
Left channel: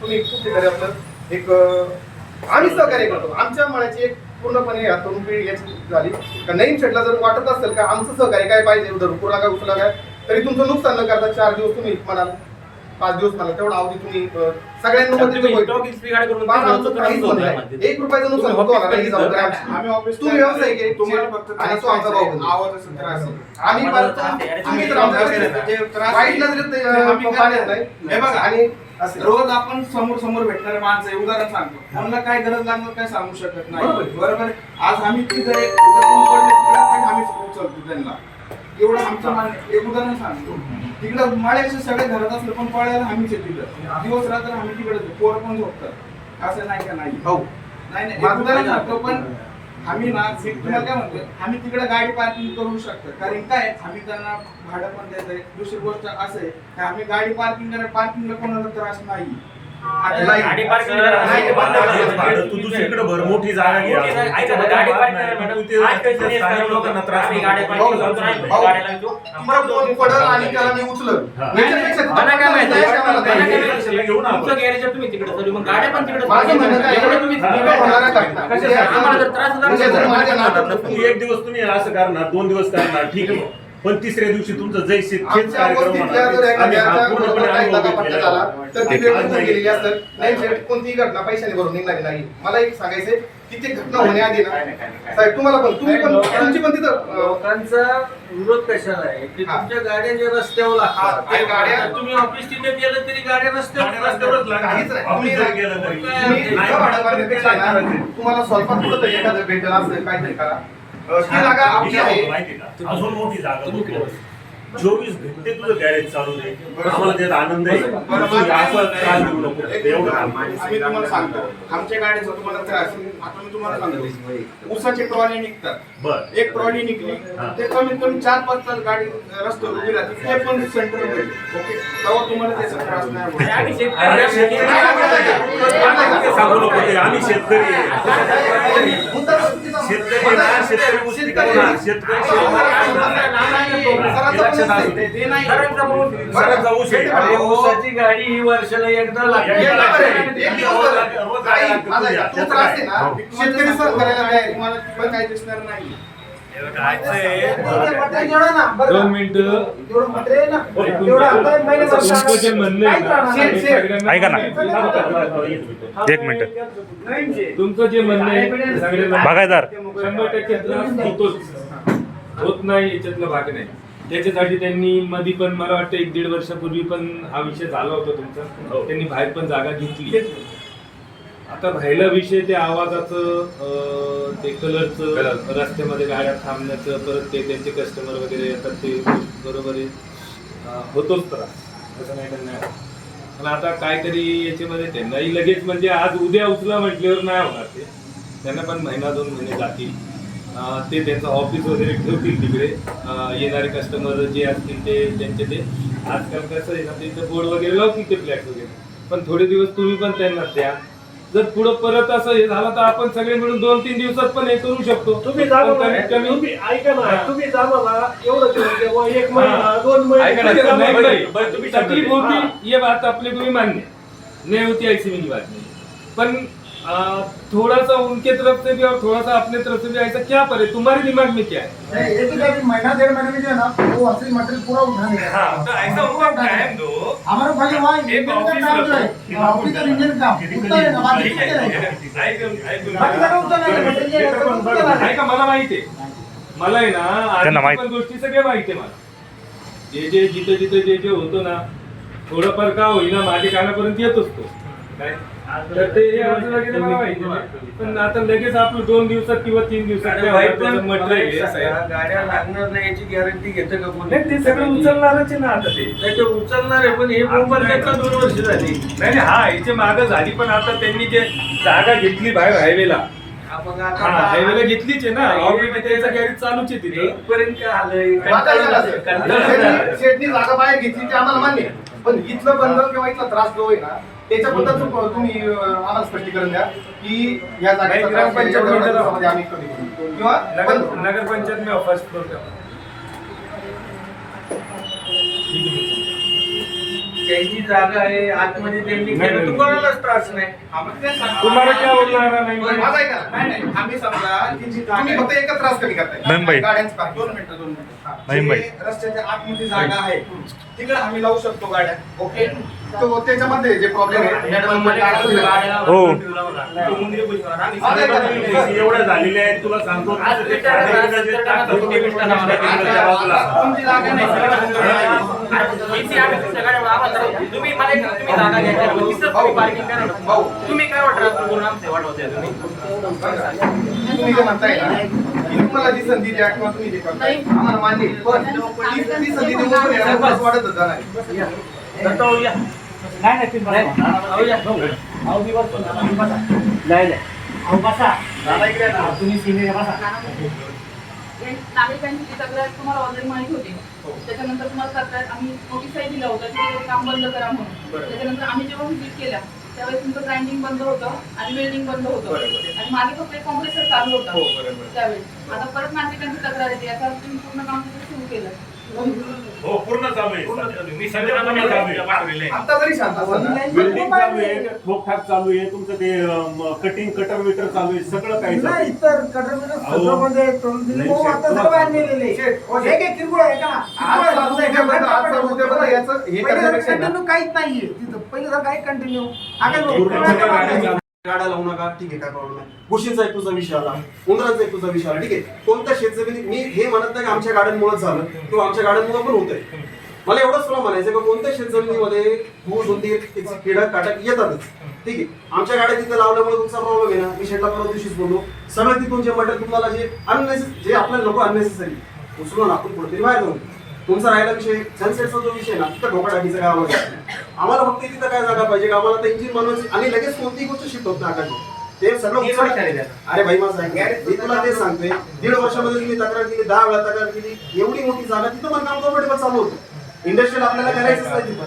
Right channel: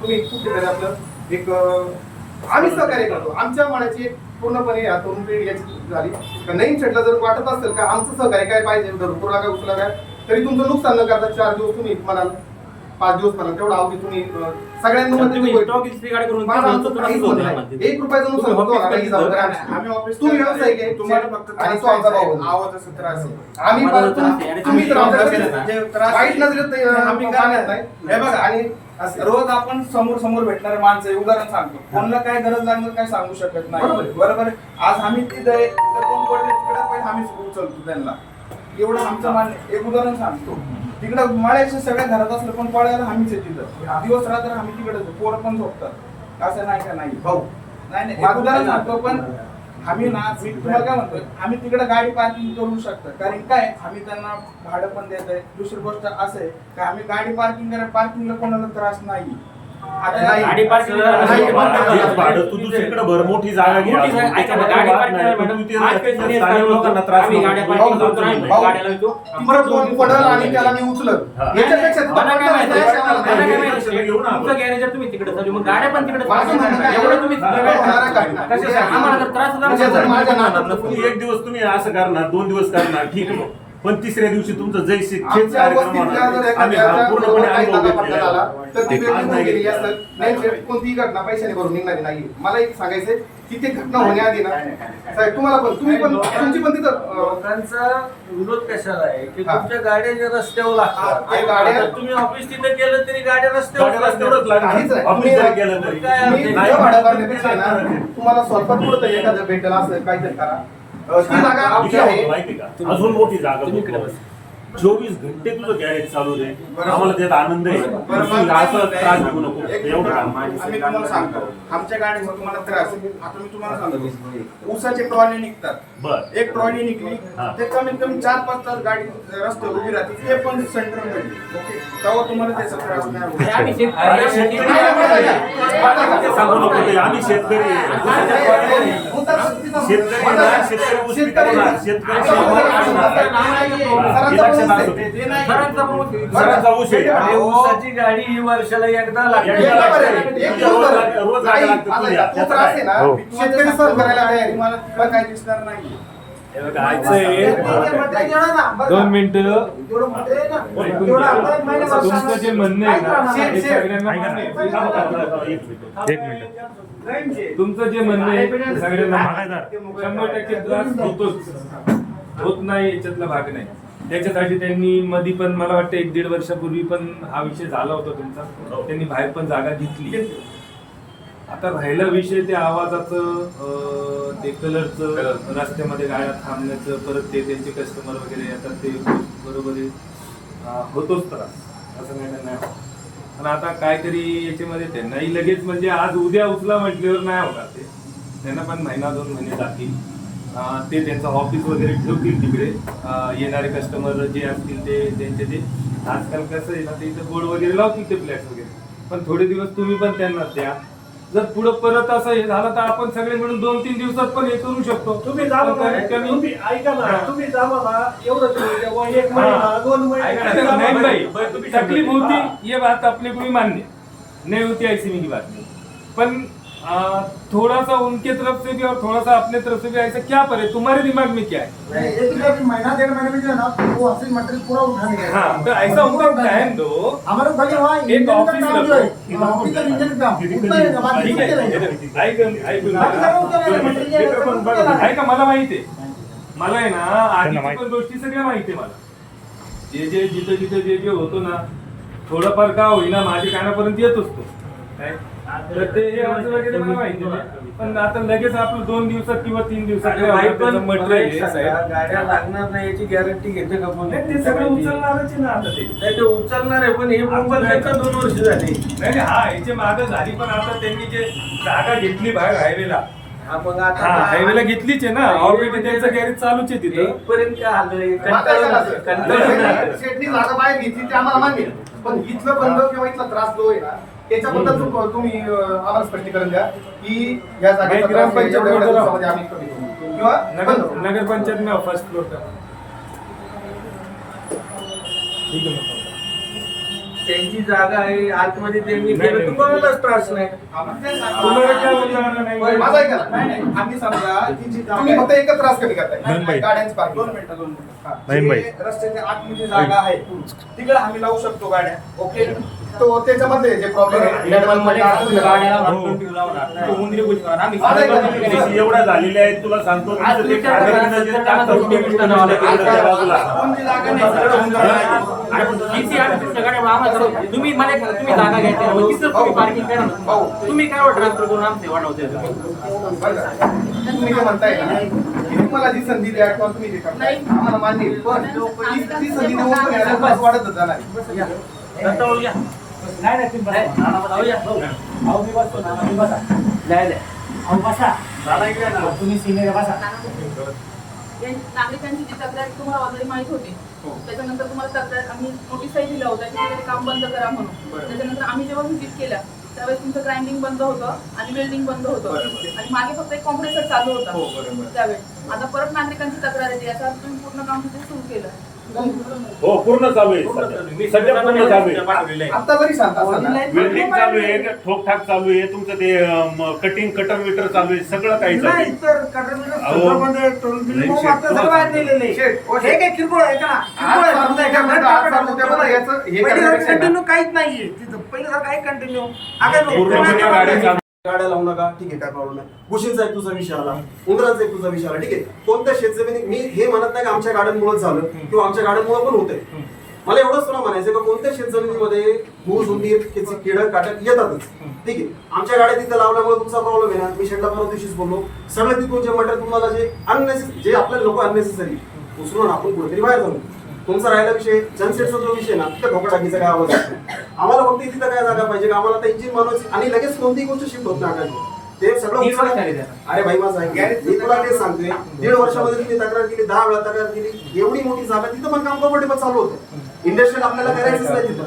तुम्ही खूप ठिकाणी आपलं एक आम्ही सहकार्य करतो. आमच्या मनाची एक पूर्णपणे तरुण पिढी याची झाली का नईन शेटला जर वाटत असेल का आमचं सहकार्य काय पाहिजे, धरपूर लागा उचला काय तरी तुमचं नुकसान न करता 4 दिवस तुम्ही म्हणाल, 5 दिवस म्हणाल, तेवढा अवधी तुम्ही सगळ्यांना तुम्ही मध्ये stock इस्त्रीगाडी करून माझं आमचं काहीच होत नाही. 1 रुपयाचं नुकसान होतो मला, ही जबाबदारी आमची. आम्ही ऑफिस तू व्यवसायिक आहे, तुम्हाला फक्त आणि तो आमचा भाऊ आहे. आवाजाचा त्रास आहे. आम्ही आम्हाला पण- त्रास आहे. तुम्ही तर आमच्याकडे जे त्रास आहे, वाईट नजरेत ते आम्ही पाहण्यात करत नाही. हे बघा, आणि असं- रोज आपण समोर भेटणारे माणसं आहे. उदाहरण सांगतो, कोणाला काय गरज लागणार काय सांगू शकत नाही. बरोबर. बरोबर आहे. आज आम्ही तिथे आहे, उद्या कोण पडले तिकडे पण आम्ही उचलतो त्यांना. एवढं आमचं मान. एक उदाहरण सांगतो, तिकडं माळ्याचे सगळे धरत असलं पण पळायला आम्हीच आहे तिथं. दिवस रात्र आम्ही तिकडे पोरं पण झोपतात. असं नाही का नाही भाऊ नाही एक उदाहरण सांगतो, पण आम्ही ना, मी तुम्हाला काय म्हणतो, आम्ही तिकडे गाडी पार्किंग करू शकतो. कारण काय, आम्ही त्यांना भाडं पण देतोय. दुसरी गोष्ट असं आहे की आम्ही गाडी पार्किंगला कोणाला त्रास नाही. नाही. गाडी पार्किंग करायला नाही, नाही, हेच भाडं तू दुसरीकडे भर, मोठी जागा घे. मोठी जागा- ऐका ना, गाडी वाद पार्किंग नाही. करायला तू ते माझ्या घरी स्थानिक लोकांना त्रास आम्ही नको. गाड्या पार्किंग करतो नाही, भाऊ, गाड्या लावतो. तिकडं कोण पडलं आणि त्याला मी उचलत. हा. याच्यापेक्षा तिथं मला काय माहिती? पडलं नाही, नाही, नाही, नाही, लक्षात घेऊ ना आपण. तुमचं गॅरेज आहे, तुम्ही तिकडे चालू, मग गाड्या पण तिकडे माझं म्हणणं काय, एवढं तुम्ही हा. काय होणार आहे घटना? कशासाठी? आम्हाला जर त्रास झाला म्हणजे जर माझ्या नात्यात तुम्ही 1 दिवस तुम्ही असं करणार, 2 दिवस करणार, ठीक आहे. पण तिसऱ्या दिवशी तुमचं जय शेत आमच्या वस्तीतल्या जर आम्ही हा एखाद्याचा पूर्णपणे काही अनुभव दगा फटका झाला घेतलेला तर ती आहे. व्यक्ती होऊन गेलेली असेल. नाही शेठ, कोणतीही घटना पैशाने भरून निघणारी नाही. मला एक सांगायचंय की ती घटना होण्याआधी ना साहेब तुम्हाला पण तुम्ही पण तुमची पण तिथं लोकांचा विरोध कशाला आहे की हा. तुमच्या गाड्या ज्या रस्त्यावर लागतात, आणि गाड्या- आता तुम्ही ऑफिस तिथे गेलं तरी गाड्या रस्त्यावर गाड्या रस्त्यावरच लागतात. काहीच लागणार. नाही. ऑफिसला गेलं तरी. काय तुम्ही अडचण नाही, तिथं भाडं नाही, भरण्यापेक्षा काय ना, करायचं? तुम्हाला स्वतः कुठं तरी एखादं भेटलं असेल काहीतरी करा. ती जागा आमची विचार आहे. माहिती का? अजून मोठी जागा बघ. 24 घंटे तुझं गॅरेज चालू आहे. आम्हाला त्यात आनंद आहे. बरं, तुम्ही माझं काय असं म्हणणं त्रास आहे, देऊ नको. एक एवढं काम. आम्ही तुम्हाला सांगतो, आमच्या गाडीचा तुम्हाला त्रास आहे. आता मी तुम्हाला सांगतो, ऊसाची ट्रॉली निघतात. बरं. एक ट्रॉली निघली हा. ते कमीत कमी 4-5 तास गाडी रस्त्यावर उभी राहते, ते पण सेंटर मध्ये. ओके, तेव्हा तुम्हाला त्याचा त्रास नाही आणि होणार. आम्ही शेतकरी अरे, आम्ही शेतकरी शेतकरी- सांगू नको ते. आम्ही शेतकरी आहे. शेतकरी ना, शेतकरी गोष्टी करणार. शेतकरी सरांचा पण लक्षात असू आहे. दे. ते नाही सरांचा ऊस आहे. अरे, ऊसाची गाडी ही वर्षाला एकदा लागते. एक दिवस बरं. रोज नाही, लागतं माझा तुझ्या. तो त्रास आहे ना, मी तुम्हाला शेतकरी सहन करायला तयार आहे. तुम्हाला तिकडे काय दिसणार नाही. दोन मिनिटं तुमचं जे म्हणणं आहे ना हे सगळ्यांना ऐका ना. मान्य एक मिनिट. तुमचं जे म्हणणं आहे ते सगळ्यांना बागायतदार. 100% त्रास होतोच, होत नाही याच्यातला भाग नाही. त्याच्यासाठी त्यांनी मध्ये पण मला वाटतं 1-1.5 वर्षापूर्वी पण हा विषय झाला होता तुमचा. त्यांनी बाहेर पण जागा घेतली. आता राहिला विषय ते आवाजाचं, ते कलरचं, रस्त्यामध्ये गाड्या थांबण्याचं, परत ते त्यांचे कस्टमर वगैरे येतात ते बरोबर आहे. होतोच त्रास, असं नाही का नाही होत. पण आता काहीतरी याच्यामध्ये त्यांनाही लगेच म्हणजे आज उद्या उचला म्हटल्यावर नाही होणार ते. त्यांना पण 1-2 महिने जातील. ते त्यांचं ऑफिस वगैरे ठेवतील तिकडे. येणारे कस्टमर जे असतील ते त्यांचे ते आजकाल कसं आहे ना, ते इथं बोर्ड वगैरे लावतील ते फ्लॅट वगैरे. पण थोडे दिवस तुम्ही पण त्यांना द्या. जर पुढे परत असं हे झालं तर आपण सगळे मिळून 2-3 दिवसात पण हे करू शकतो. तुम्ही जा पण बाबा, कमीत कमी तुम्ही ऐका ना, हा. तुम्ही जा बाबा, एवढं दिवस द्या बुवा, 1 महिना 2 ऐका ना, महिने नहीं भाई, तुम्ही तकलीफ समजते. होती ये बात अपने को भी मान्य नहीं होती ऐसी भी बात नहीं, पर थोड़ा सा उनके तरफ से भी और थोड़ा सा अपने तरफ से भी ऐसा क्या पर है, तुम्हारे दिमाग में क्या है? नहीं, एक ही अभी महीना 1.5 महीने में जो है ना वो असली मटेरियल पूरा उठा देगा। हाँ, तो ऐसा होगा टाइम दो. हमारा खाली वहाँ एक इंजन का ऑफिस काम जो रखो. है ऑफिस और इंजन का उतना ही रहेगा, बाकी ठीक चुकते आहे. रहेगा। ऐकून बाकी सगळं उठा नाही, मटेरियल सगळं उठा नाही। ऐका, मला माहिती आहे, मला आहे ना आधीच्या पण गोष्टी सगळ्या माहिती आहे मला. जे जिथे होतो ना थोडंफार का होईना माझ्या कानापर्यंत येत असतो काय, तर ते हे अर्ज वगैरे मला माहिती नाही. पण आता लगेच आपलं 2 दिवसात किंवा 3 दिवसात आणि काय भाई होणार पण त्याचं मला मटेरियल एक आहे, सांगा, साहेब. गाड्या लागणार नाही याची गॅरंटी घेतं का कोण? नाही, ते सगळं उचलणारच आहे ना आता ते. नाही, ते उचलणार आहे, पण हे मोबाईल त्याचा 2 वर्ष झाली. नाही हा याची मागं झाली, पण आता त्यांनी जे जागा घेतली बाहेर हायवेला, आपण हा आता हायवेला घेतलीच आहे ना, ऑलरेडी त्यांचं गॅरेज चालूच आहे तिथं. पर्यंत काय आलंय? आता ऐका ना, कंटाळा. शेटनी जागा बाहेर घेतली ते आम्हाला मान्य आहे. पण इथलं बंद किंवा इथला त्रास जो आहे ना त्याच्याबद्दल तुम्ही आम्हाला स्पष्टीकरण द्या की या जागेचा नाही, त्रास ग्रामपंचायत एवढ्या दिवसामध्ये आम्ही कमी करू किंवा बंद करू. नगर पंचायत में फर्स्ट फ्लोर का त्यांची जागा आहे आतमध्ये त्यांनी नाही, केलं, नाही. तुम्हालाच त्रास नाही. तुम्हाला काय होणार नाही? बरं, माझं ऐका ना. नाही नाही आम्ही समजा ती जी तुम्ही फक्त एकच त्रास कमी करताय गाड्यांची 2 parking. मिनिटं हा. जे रस्त्याच्या आतमध्ये जागा आहे तिकडे आम्ही लावू शकतो गाड्या. ओके तो त्याच्यामध्ये जे प्रॉब्लेम आहे मॅडम माझं ऐका ना. एवढा झालेले आहेत तुला सांगतो तुमचं ते खाण्यापिण्याचं जे टाकतात, कोणती जागा नाही सगळं हुंदर आहे. तुम्ही मला एक तुम्ही जागा घ्यायच्या तिथं तुम्ही पार्किंग करा ना. तुम्ही काय ट्रान्सफर करून आमचे वाढवते तुम्ही जे म्हणताय ना की तुम्हाला जी संधी द्या किंवा तुम्ही जे करताय आम्हाला मान्य आहे. पण ती संधी देऊन पण येणार त्रास वाढतच जाणार आहे. नागरिकांची जी तक्रार तुम्हाला ऑलरेडी माहित होती. त्याच्यानंतर तुम्हाला तक्रार आम्ही नोटीसही दिला होता की ते काम बंद करा म्हणून. त्याच्यानंतर आम्ही जेव्हा व्हिजिट केल्या त्यावेळेस तुमचं ग्राइंडिंग बंद होतं आणि वेल्डिंग बंद होतं आणि मागे फक्त एक कॉम्प्रेसर चालू होता त्यावेळेस. आता परत नागरिकांची तक्रार येते, याचा अर्थ तुम्ही पूर्ण काम तिथे सुरू केलं. हो पूर्ण चालू आहे सध्या. मी सध्या पूर्ण चालू आहे. आता जरी शांत असाल ना वेल्डिंग चालू आहे, ठोकठाक चालू आहे, तुमचं ते कटिंग कटर विटर चालू आहे, सगळं काही चालू आहे. नाही, तर कटरमध्ये सगळं बंद आहे. मग आता सगळं बाहेर नेलेलं आहे. हे काय किरकोळ आहे का ना? किरकोळ आहे. समजा एका घरात टाका टाका. याचं हे पहिले करण्यापेक्षा ना- कंटिन्यू काहीच नाहीये तिथं. पहिले जर काही कंटिन्यू काय पूर्णपणे गाड्या चालू गाड्या लावू नका, ठीक आहे, काय प्रॉब्लेम नाही. घुशींचा एक तुझा विषय आला, उंदरांचा एक तुझा विषय आला, ठीक आहे. कोणत्या शेतजमिनी मी हे म्हणत नाही की आमच्या गाड्यांमुळे झालं किंवा आमच्या गाड्यांमुळे पण होतंय. मला एवढंच तुला म्हणायचं का कोणत्या शेतजमिनीमध्ये घुस उंदीर त्याची किडक काटक येतातच, ठीक आहे. आमच्या गाड्या तिथे लावल्यामुळे तुमचा प्रॉब्लेम आहे ना. मी शेटला परवा दिवशीच बोललो, सगळं तिथून जे मटेरियल तुम्हाला जे आपल्याला नको अननेसेसरी उचलून आपण कुठेतरी बाहेर जाऊ. तुमचा राहिला विषय सनसेटचा जो विषय ना तिथं ढोका टाकीचा काय आवाज येतो. आम्हाला फक्त तिथं काय जागा पाहिजे, आम्हाला आता इंजिन बनवायची आणि लगेच कोणतीही गोष्ट शिफ्ट होत नाही आकाश. ते सगळं उचललं. अरे भाई माझं ऐक, मी तुला तेच सांगतोय, 1.5 वर्षामध्ये तुम्ही तक्रार केली, 10 वेळा तक्रार केली, एवढी मोठी जागा तिथं पण काम कम्फर्टेबल चालू होतं. इंडस्ट्रियल आपल्याला करायचंच नाही तिथं.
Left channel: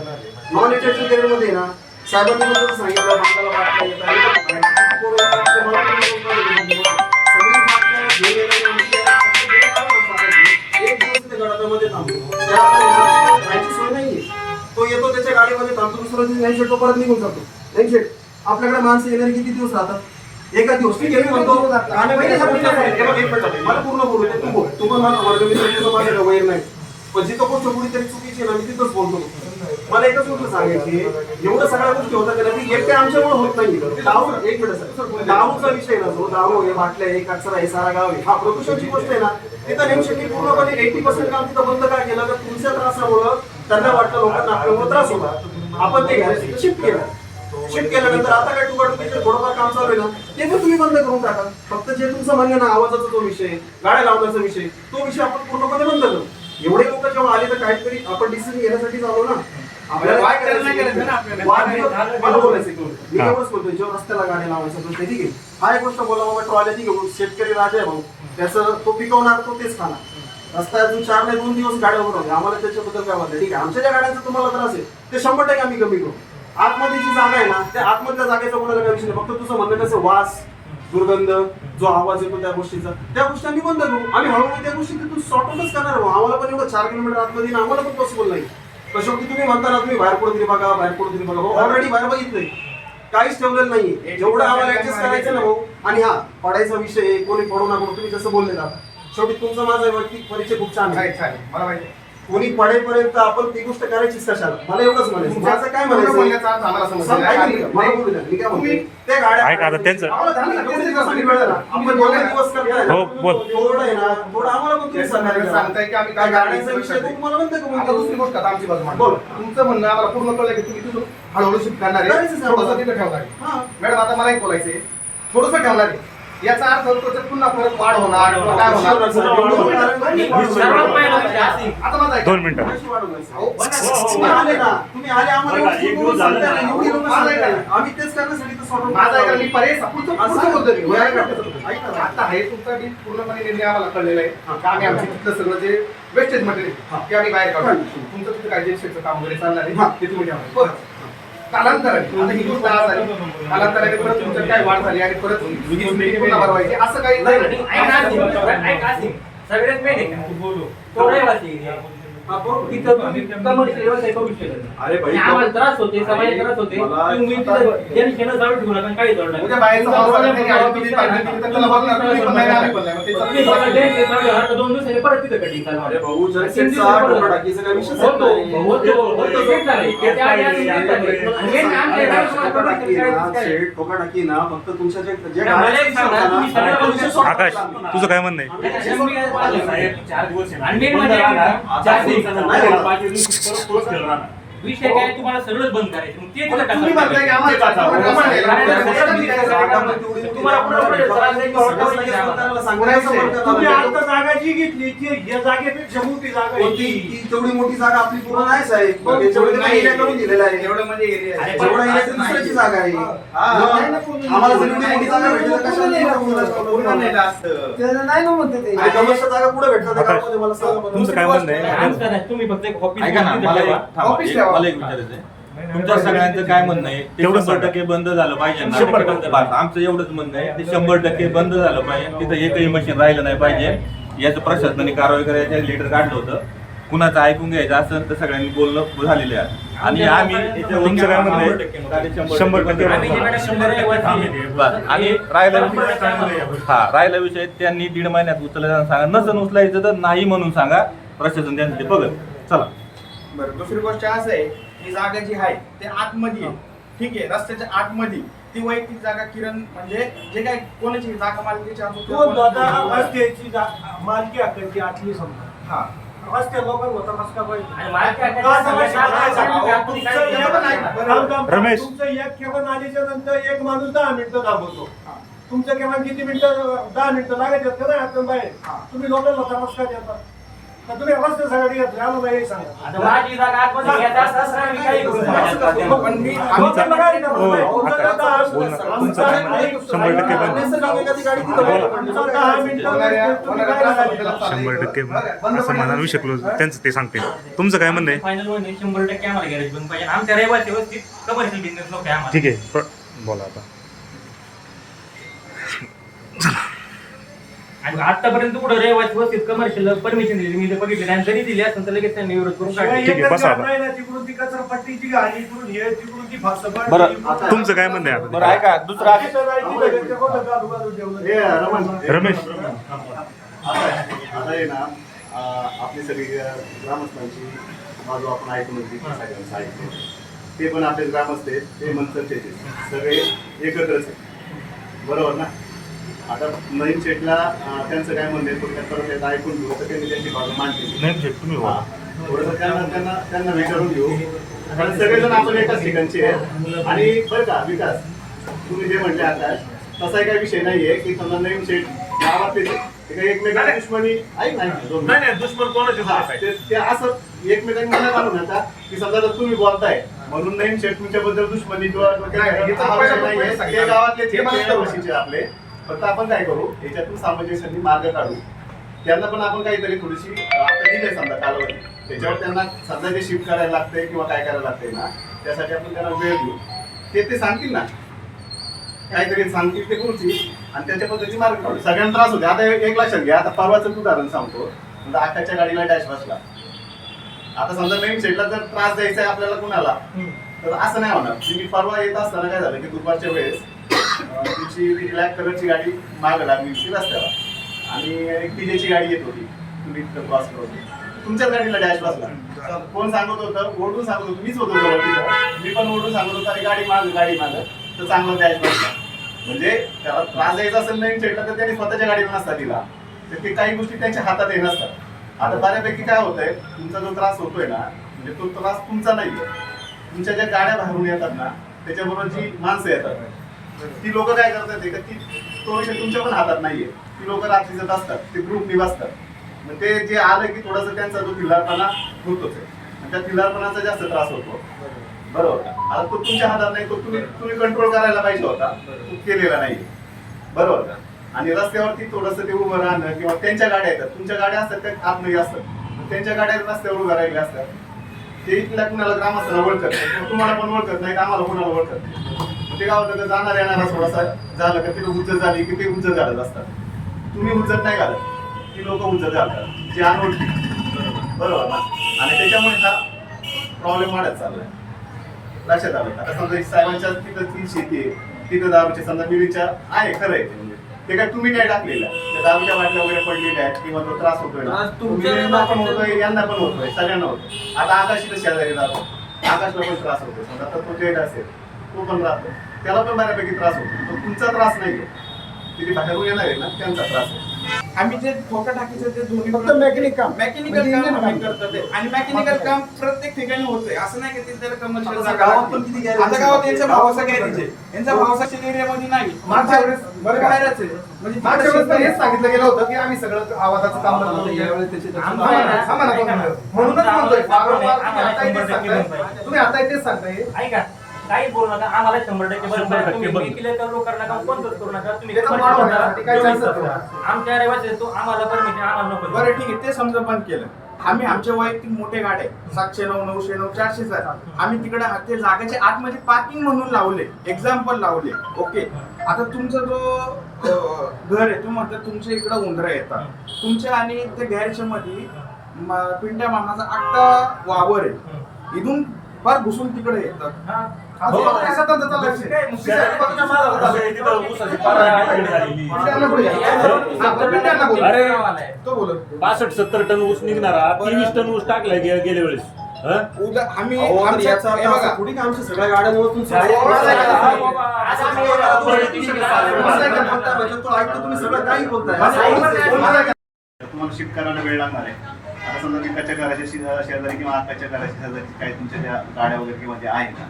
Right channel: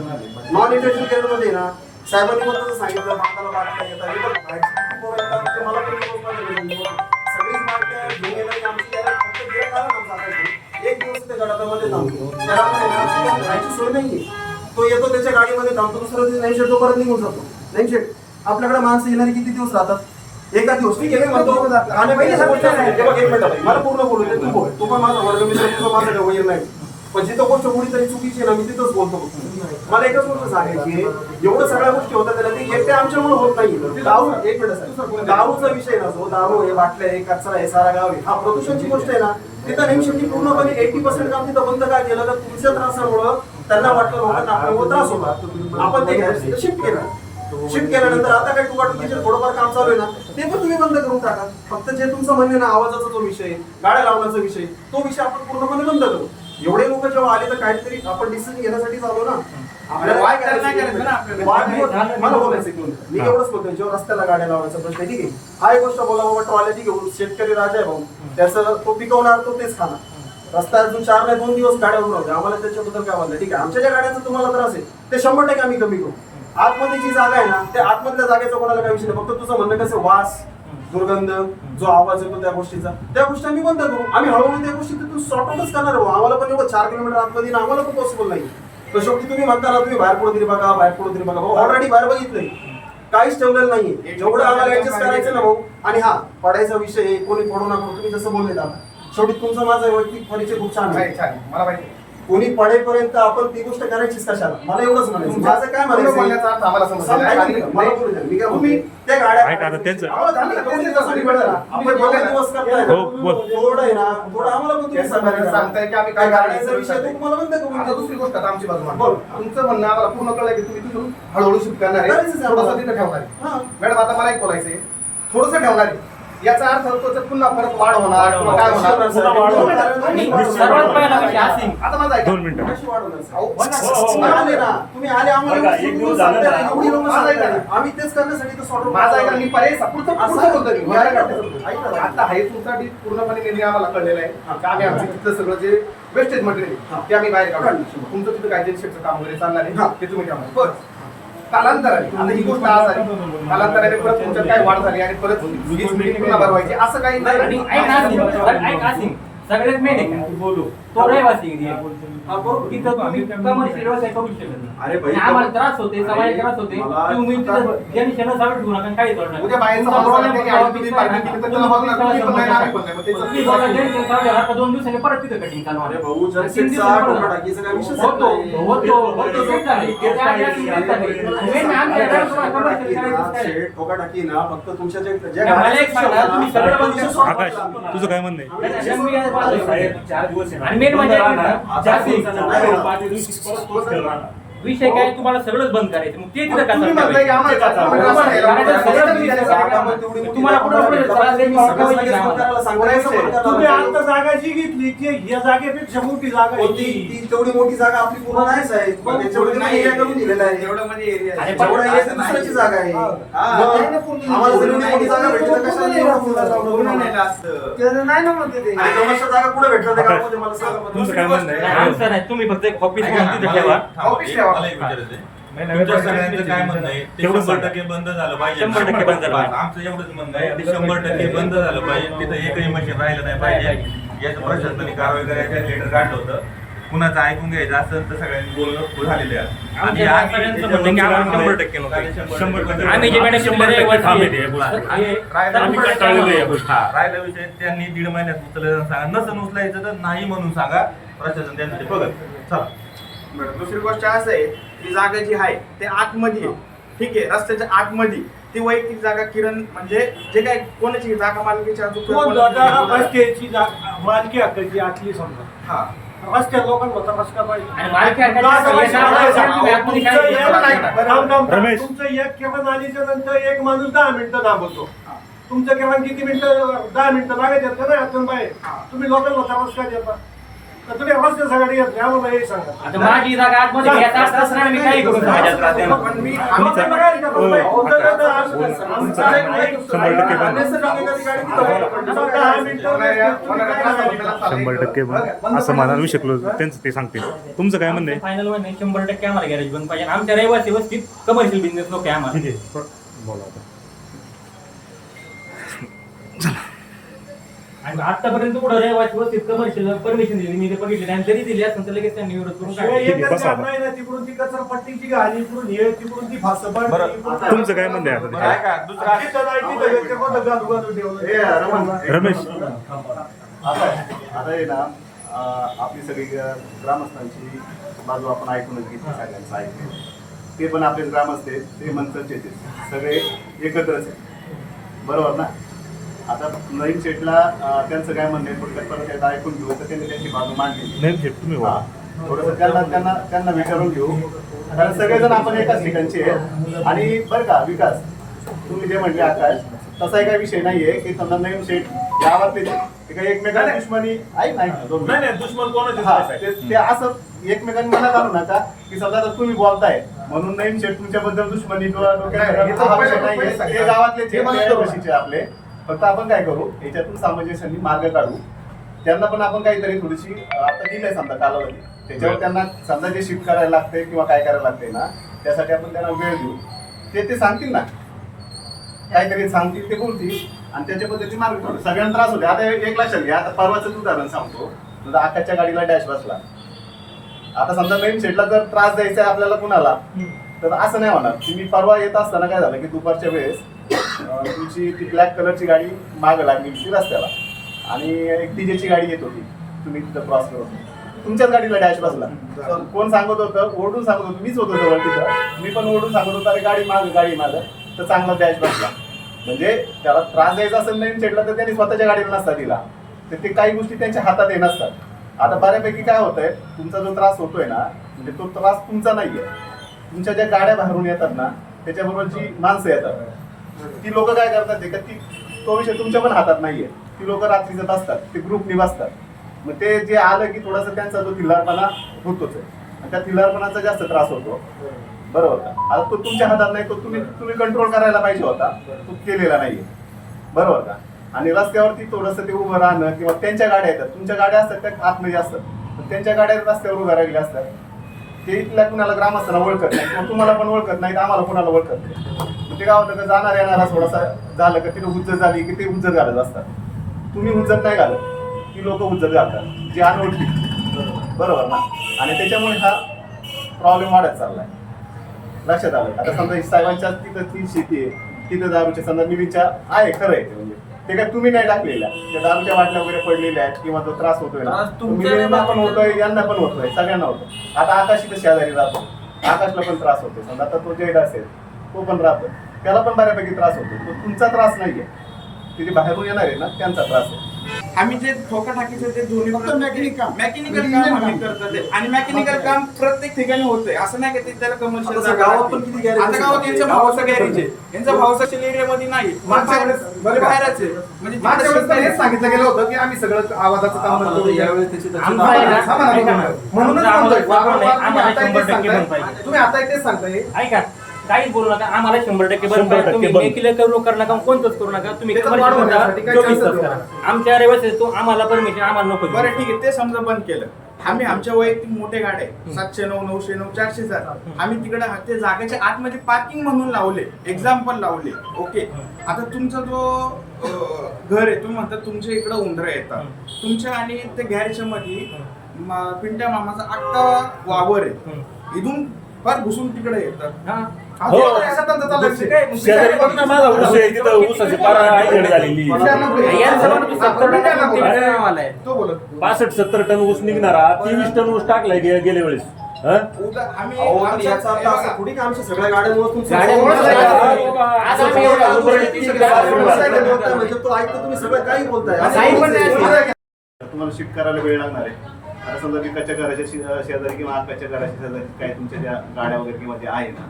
नॉन इंडस्ट्रियल केअरमध्ये ना साहेबांनी पण तसं सांगितलं, बांधाला बाटल्या येतात, मला सगळी बाटल्या घेऊन येतात आमची एक दिवस त्या गडाप्यामध्ये थांबतो, राहायची सोय नाहीये. तो येतो त्याच्या गाडीमध्ये थांबतो, दुसऱ्या दिवशी नाही शेट तो परत निघून जातो. नाही शेट आपल्याकडे माणसं येणारे किती दिवस राहतात? एका दिवस. ठीक आहे, म्हणतो आणि पहिले मला पूर्ण बोलू दे, तू बोल. तू पण माझा वर्ग मित्र, तुझं माझं काय वैर नाही. पण जिथं गोष्ट कुठेतरी चुकीची ना मी तिथंच बोलतो. मला एकच गोष्ट सांगायची, एवढं सगळ्या गोष्टी होतात त्याला ती एकट्या आमच्यामुळे होत नाही. दारू एक मिनिट सर, दारूचा विषय ना जो दारू आहे, बाटल्या आहे, कचरा आहे, सारा गाव आहे, हा प्रदूषणची गोष्ट आहे ना. तिथं नेमशेटी पूर्णपणे 80% काम तिथं बंद काय केलं तर तुमच्या त्रासामुळं त्यांना वाटतं लोकांना आपल्यामुळे त्रास होता. आपण ते घ्यायला शिफ्ट केलं. शिफ्ट केल्यानंतर आता काय टुकाटुकीचे थोडंफार काम चालू आहे ना ते पण तुम्ही बंद करून टाका. फक्त जे तुमचं म्हणणं ना आवाजाचा जो विषय, गाड्या लावण्याचा विषय, तो विषय आपण पूर्णपणे बंद करू. एवढे लोक जेव्हा आले तर काहीतरी आपण डिसिजन घेण्यासाठी आलो ना. आपल्याला काय करायचं मला बोलायचं की मी एवढंच बोलतोय, जेव्हा रस्त्याला गाड्या लावायचा प्रश्न, ठीक आहे, हा एक गोष्ट बोला बाबा ट्रॉल्या ती घेऊन शेतकरी राजा आहे भाऊ, त्याचं तो पिकवणार तो तेच खाणार. रस्ता अजून 4 नाही 2 दिवस गाड्या उभं राहू, आम्हाला त्याच्याबद्दल काय बोललं, ठीक आहे. आमच्या ज्या गाड्यांचा तुम्हाला त्रास आहे ते 100% आम्ही कमी करू. आतमध्ये जी जागा आहे ना त्या आतमधल्या जागेचा कोणाला काही विषय नाही. फक्त तुझं म्हणणं कसं वास, दुर्गंध, जो आवाज येतो त्या गोष्टीचा, त्या गोष्टी आम्ही बंद करू. आम्ही हळूहळू त्या गोष्टी तिथून सॉर्ट आउटच करणार आहोत. आम्हाला पण एवढं 4 किलोमीटर आतमध्ये येणं आम्हाला पण पॉसिबल नाही. पण शेवटी तुम्ही म्हणता ना तुम्ही बाहेर कुठेतरी बघा, बाहेर कुठेतरी बघा. ऑलरेडी बाहेर बघितलंय, काहीच ठेवलेलं नाहीये. जेवढं आम्हाला ऍडजस्ट करायचं ना भाऊ. आणि हा पडायचा विषय कोणी पडू नका तुम्ही जसं बोलले ना, शेवटी तुमचा माझा वैयक्तिक परिचय खूप छान आहे. छान मला माहिती कोणी पडेपर्यंत आपण ती गोष्ट करायचीच कशाला, मला एवढंच म्हणायचं. माझं काय म्हणायचं म्हणण्याचा अर्थ आम्हाला समजला. ऐका ना, मला बोलू द्या. मी काय म्हणतोय, त्या गाड्या ऐका आता त्यांचं. आपण दोघं दिवस करताय ना, हो, बोल. थोडं आहे ना, थोडं आम्हाला पण तुम्ही सांगताय की आम्ही त्या गाड्याचा विषय तो तुम्हाला बंद करून आता देऊ. दुसरी गोष्ट आता आमची बाजू मांडू. बोल. तुमचं म्हणणं आम्हाला पूर्ण कळलं की तुम्ही तिथून हळूहळू शिफ्ट करणार आहे, करायचंच आहे थोडंसं आम्हाला. तिथे ठेवणार आहे. हा. मॅडम आता मला एक बोलायचंय, थोडंसं ठेवणार आहे याचा अर्थ त्याच्यात पुन्हा परत वाढ होणार किंवा काय होणार. सर्वात पहिला विषय असेल. आता माझा ऐका. 2 मिनिटं. अहो, तुम्ही आले ना, तुम्ही आले आम्हाला बघा, एक दिवस झाला ना. एवढी लोकं सांगताय. आम्ही तेच करण्यासाठी तर सॉर्ट माझा ऐका मी पर्याय पुढचं बोलतो मी. मला काय वाटतं? ऐक ना. आता आहे तुमचा पूर्णपणे निर्णय आम्हाला कळलेला आहे की आम्ही आमचं तिथलं सगळं जे वेस्टेज मटेरियल ते आम्ही बाहेर काढू. तुमचं तिथं काय जेनसेटचं काम वगैरे चालणार आहे ते तुम्ही ठेवा. कालांतराने आता ही गोष्ट आज झाली, कालांतराने परत तुमच्यात काय वाढ झाली आणि परत वीज मिनिट पुन्हा भरवायची असं काही नाही. आणि ऐक आसिम, सगळ्यात मेन आहे का तू बोलू तो रहिवासी एरिया. तिथं तुम्ही कमर्शियल व्यवसाय करू शकत नाही. अरे भाई, आणि आम्हाला त्रास होते, समाजाला त्रास होते. मला तुम्ही आता- तिथं जनशेनं चालू ठेवू नका, काही जोड नका. उद्या बाहेरचा तुमचा माणूस problem आला, त्याने solve आधी किती करा. पाहिजे, किती तर त्याला बघणार, तुम्ही पण नाही, आम्ही पण नाही. मग त्याचा तुम्ही बघा, जनशेनं चालू झाला का 2 दिवसांनी परत तिथं कटिंग चालू अरे होणार. भाऊ, तीन जनसेटचा दिवसांनी परत आठवडा टाकीचा काही विषयच होतो नाही. होतो सेट झाले. त्या आधी असेल तेच झाले. आणि हे आमच्या अरे व्यवसायाला ठोका commercial टाकी ना, करायचं काय? शेड, ठोका टाकी ना, फक्त तुमच्या ज्या मला एक सांगा, तुम्ही सगळं बंद करा. आकाश, तुझं काय म्हणणं आहे? आणि मेन म्हणजे विषय काय तुम्हाला सगळंच बंद करायचं. मग ते तिथं तुम्ही म्हणताय की आम्हाला का चालू? तुम्ही आता जागा जी घेतली ती या जागेपेक्षा मोठी जागा आहे ती. तेवढी मोठी जागा आपली पूर्ण नाही साहेब. त्याच्यामध्ये नाही एरिया करून दिलेला आहे. एवढं म्हणजे एरिया आहे. जेवढा एरिया ती दुसऱ्याची जागा आहे. आम्हाला जर एवढी मोठी जागा भेटली तर कशाला नाही आपण पूर्ण नाही का असतं? त्याचं नाही ना म्हणते ते. आणि कमर्शियल जागा कुठे भेटतात त्या आकाश, गावामध्ये मला सांगा बरं. तुमचं काय म्हणणं आहे? आमचं नाही, तुम्ही फक्त एक ऑफिस म्हणून तिथं ठेवा. ऑफिस ठेवा. मला एक विचारायचं आहे. तुमच्या सगळ्यांचं काय म्हणणं आहे ते तेवढं 100% बंद झालं पाहिजे. 100% बंद झालं पाहिजे. आमचं एवढंच म्हणणं आहे ते 100% बंद झालं पाहिजे. तिथं एकही मशीन राहिलं नाही पाहिजे. याचं प्रशासनाने कारवाई करायचं लेटर काढलं होतं. कुणाचं ऐकून घ्यायचं असेल तर सगळ्यांनी बोलणं झालेलं आहे. आणि आम्ही तुमचं काय म्हणणं आहे? 100% 100% आम्ही जिकडे 100 आणि राहिला विषय त्यांनी 1.5 महिन्यात उचलायला सांगा. नसन उचलायचं तर नाही म्हणून सांगा. प्रशासन त्यांसाठी बघत. चला. बरं, दुसरी गोष्ट असं आहे ती जागा जी आहे ते आतमध्ये आहे. ठीक आहे, रस्त्याच्या आतमध्ये ती वैयक्तिक जागा किरण म्हणजे जे काय कोणाची जागा मालकीची असो किंवा तो जागा कोणाची- रस्त्याची मालकी हक्काची आतली समजा. हा. रस्त्या लोकांना त्रास का पाहिजे? आणि मालकी हक्काची सगळ्या तुमचं रमेश. तुमचं एक किरण आल्याच्या नंतर एक माणूस 10 मिनिटं थांबवतो. तुमचं किरण किती मिनिटं? 10 मिनिटं लागत येत नाही आतून बाहेर. तुम्ही लोकांना त्रास का देता? का तुम्ही रस्त्यासाठी येत नाही? आम्हाला हे सांगा. आता माझी जागा आतमध्ये घ्यायचा असताना मी काही करू शकतो. पण मी तुमचा हो आकाश, बोल ना. तुमचं काय म्हणणं आहे? 100% बंद. बोला. 100% बंद असं म्हणायला शकलो त्यांचं ते सांगतील. तुमचं काय म्हणणं आहे? फायनल मध्ये 100% आम्हाला गॅरेज बंद पाहिजे. आमच्या रहिवासी वस्तीत कमर्शियल बिझनेस नको आहे आम्हाला. ठीक आहे, बोला आता. आणि आतापर्यंत कुठं रहिवासी वस्तीत कमर्शियल परमिशन दिली मी ते बघितले आणि जरी दिली असेल तर लगेच त्यांनी विरोध करून शिवाय काढले. ठीक आहे, एकच बसा गाड आता. नाही ना, तिकडून ती कचरापट्टीची गाडी, इकडून हे, तिकडून ती फासपाट. बरं, तुमचं काय म्हणणं आहे आता बरं ते? ऐका दुसरा तिथं नाही, तिथं ते कुठं गाजू ठेवलं. रमेश, आता आहे ना आपली सगळी ग्रामस्थांची बाजू आपण ऐकूनच घेतली, सगळ्यांचं ऐकलं. ते पण आपले ग्रामस्थ आहेत, ते मंथनचे सगळे एकत्रच आहे, बरोबर ना? आता नईम शेठला त्यांचं काय म्हणणं आहे थोडक्यात परत एकदा ऐकून घेऊ तर त्यांनी त्यांची बाजू मांडली. नाही तुम्ही बोला. थोडंसं त्यांना विचारून घेऊ, कारण सगळेजण आपण एकाच ठिकाणचे आहे. आणि बरं का विकास, तुम्ही जे म्हणले आकाश, तसा काही विषय नाहीये की समजा नईम शेठ गावातले ते काही एकमेकांना दुश्मनी ऐक नाही दुश्मन कोणाचे हा, ते असं एकमेकांनी मनात आणू नका की समजा जर तुम्ही बोलताय म्हणून नईम शेठ तुमच्याबद्दल दुश्मनी किंवा डोक्यात हा विषय नाहीये. ते गावातले ते मनात आपले, फक्त आपण काय करू याच्यातून सामंजस्याने मार्ग काढू. त्यांना पण आपण काहीतरी थोडीशी आता दिलंय समजा कालावधी, त्याच्यावर त्यांना समजा जे शिफ्ट करायला लागते किंवा काय करायला लागते ना, त्यासाठी आपण त्यांना वेळ देऊ. ते सांगतील ना, काहीतरी सांगतील ते बोलतील आणि त्याच्या पद्धतीने मार्ग काढू. सगळ्यांना त्रास होते. आता एक लक्षात घ्या, आता परवाचं उदाहरण सांगतो. समजा आकाशच्या गाडीला डॅश बसला, आता समजा नवीन शेडला जर त्रास द्यायचा आहे आपल्याला कुणाला, तर असं नाही होणार. तुम्ही परवा येत असताना काय झालं की दुपारच्या वेळेस तुमची ती ब्लॅक कलरची गाडी मागं लागली होती रस्त्याला आणि एक डीजेची गाडी येत होती, तुम्ही तिथं क्रॉस करत होते, तुमच्याच गाडीला डॅश बसला. कोण सांगत होतं? ओरडून सांगत होतं, मीच होतो जवळ तिथं. मी पण ओरडून सांगत होतो, अरे गाडी मागं तर चांगला डॅश बसला. म्हणजे त्याला त्रास द्यायचा असेल नवीन शेडला तर त्यांनी स्वतःच्या गाडीला नसता दिला, तर ते काही गोष्टी त्यांच्या हातात येत नसतात. आता बऱ्यापैकी काय होतंय, तुमचा जो त्रास होतोय ना, म्हणजे तो त्रास तुमचा नाहीये. तुमच्या ज्या गाड्या बाहेरून येतात ना, त्याच्याबरोबर जी माणसं येतात ती लोक काय करतात ते, तो विषय तुमच्या पण हातात नाहीये. ती लोक रात्रीचं बसतात, ते ग्रुपनी बसतात. मग ते जे आलं की थोडासा त्यांचा जो थिल्लारपणा होतोच आहे आणि त्या थिल्लारपणाचा जास्त त्रास होतो. बरोबर का? आता तो तुमच्या हातात नाही, तो तुम्ही कंट्रोल करायला पाहिजे होता, तो केलेला नाहीये. बरोबर का? आणि रस्त्यावरती थोडंसं ते उभं राहणं किंवा त्यांच्या गाड्या येतात, तुमच्या गाड्या असतात त्या आतमध्ये असतात, त्यांच्या गाड्या रस्त्यावर उभ्या राहिल्या असतात. ते इथल्या कुणाला ग्रामस्थांना ओळखत नाही किंवा तुम्हाला पण ओळखत नाही, आम्हाला कुणाला ओळखत नाही. ते काय होतं का जाणार येणारा थोडासा झालं का तिला उज्जत झाली की ते उज्जत घालत असतात. तुम्ही उज्जत नाही घालत, ती लोक उज्जत घालतात जी अनोळखी. बरोबर ना? आणि त्याच्यामुळे हा प्रॉब्लेम वाढत चाललाय. लक्षात आलं? आता समजा साहेबांच्या तिथं ती शेती आहे, तिथं दारूच्या समजा मिरीच्या आहे, खरं आहे ते. म्हणजे ते काय तुम्ही नाही टाकलेल्या, त्या दारूच्या बाटल्या वगैरे पडलेल्या आहेत किंवा तो त्रास होतोय ना, मिरींना पण होतोय, यांना पण होतोय, सगळ्यांना होतोय. आता आकाश इथं शेजारी राहतो, आकाशला पण त्रास होतोय. समजा आता तो जेड असेल, तो पण राहतो, त्याला पण बऱ्यापैकी त्रास होतो. तो तुमचा त्रास नाहीये, ते जे बाहेरून येणार आहे ना त्यांचा त्रास आहे. आम्ही जे ठोका टाकीचं ते दोन्ही फक्त मेकॅनिकल काम आम्ही करतो आणि मेकॅनिकल काम प्रत्येक ठिकाणी होतंय. असं नाही की ते त्याला कमर्शियल गावात पण किती गॅरेज? आता गावात यांच्या भावाचा गॅरेज आहे, यांच्या भावाच्या एरियामध्ये नाही, बाहेरच आहे. म्हणजे मागच्या वेळेस तर हेच सांगितलं गेलं होतं की आम्ही सगळं आवाजाचं काम करतो. यावेळेस त्याची म्हणूनच म्हणतोय वारंवार तुम्ही आता तेच सांगताय. ऐका, काहीच बोलू नका, आम्हाला 100% बंद 100% करा. तुम्ही बंद. मेकिले करू नका, कोणतंच करू नका. तुम्ही त्याचं commercial वाढवून करा, घेण्यासाठी काय 24 चान्स तास. आहे? आमच्या रहिवासी तो आम्हाला परमिशन, आम्हाला नको. बरं ठीक आहे, ते समजा बंद केलं. आम्ही आमच्या वैयक्तिक मोठे गाड्या 709, 909, 400 आम्ही तिकडे ते जागेच्या आतमध्ये पार्किंग म्हणून लावले, एक्झाम्पल लावले. ओके, आता तुमचा जो घर आहे, तुम्ही म्हणता तुमच्या इकडं उंदरं येतात, तुमच्या आणि त्या गॅरेजच्या मध्ये पिंट्या मामाचा अख्खा वावर आहे, इथून फार घुसून तिकडे येतात. अरे 65-70 टन ऊस निघणारा 23 टन ऊस टाकलाय गेल्या वेळेस. आम्ही याचा अर्थ असा थोडी का आमच्या सगळ्या गाड्यांमुळे तुमचं म्हणजे तो ऐकतो, तुम्ही सगळं काही बोलताय. तुम्हाला शिफ्ट करायला वेळ लागणार आहे. आता समजा की कच्च्या घराच्या शेजारी किंवा कच्च्या घराच्या शेजारी काही तुमच्या ज्या गाड्या वगैरे किंवा ज्या आहेत ना,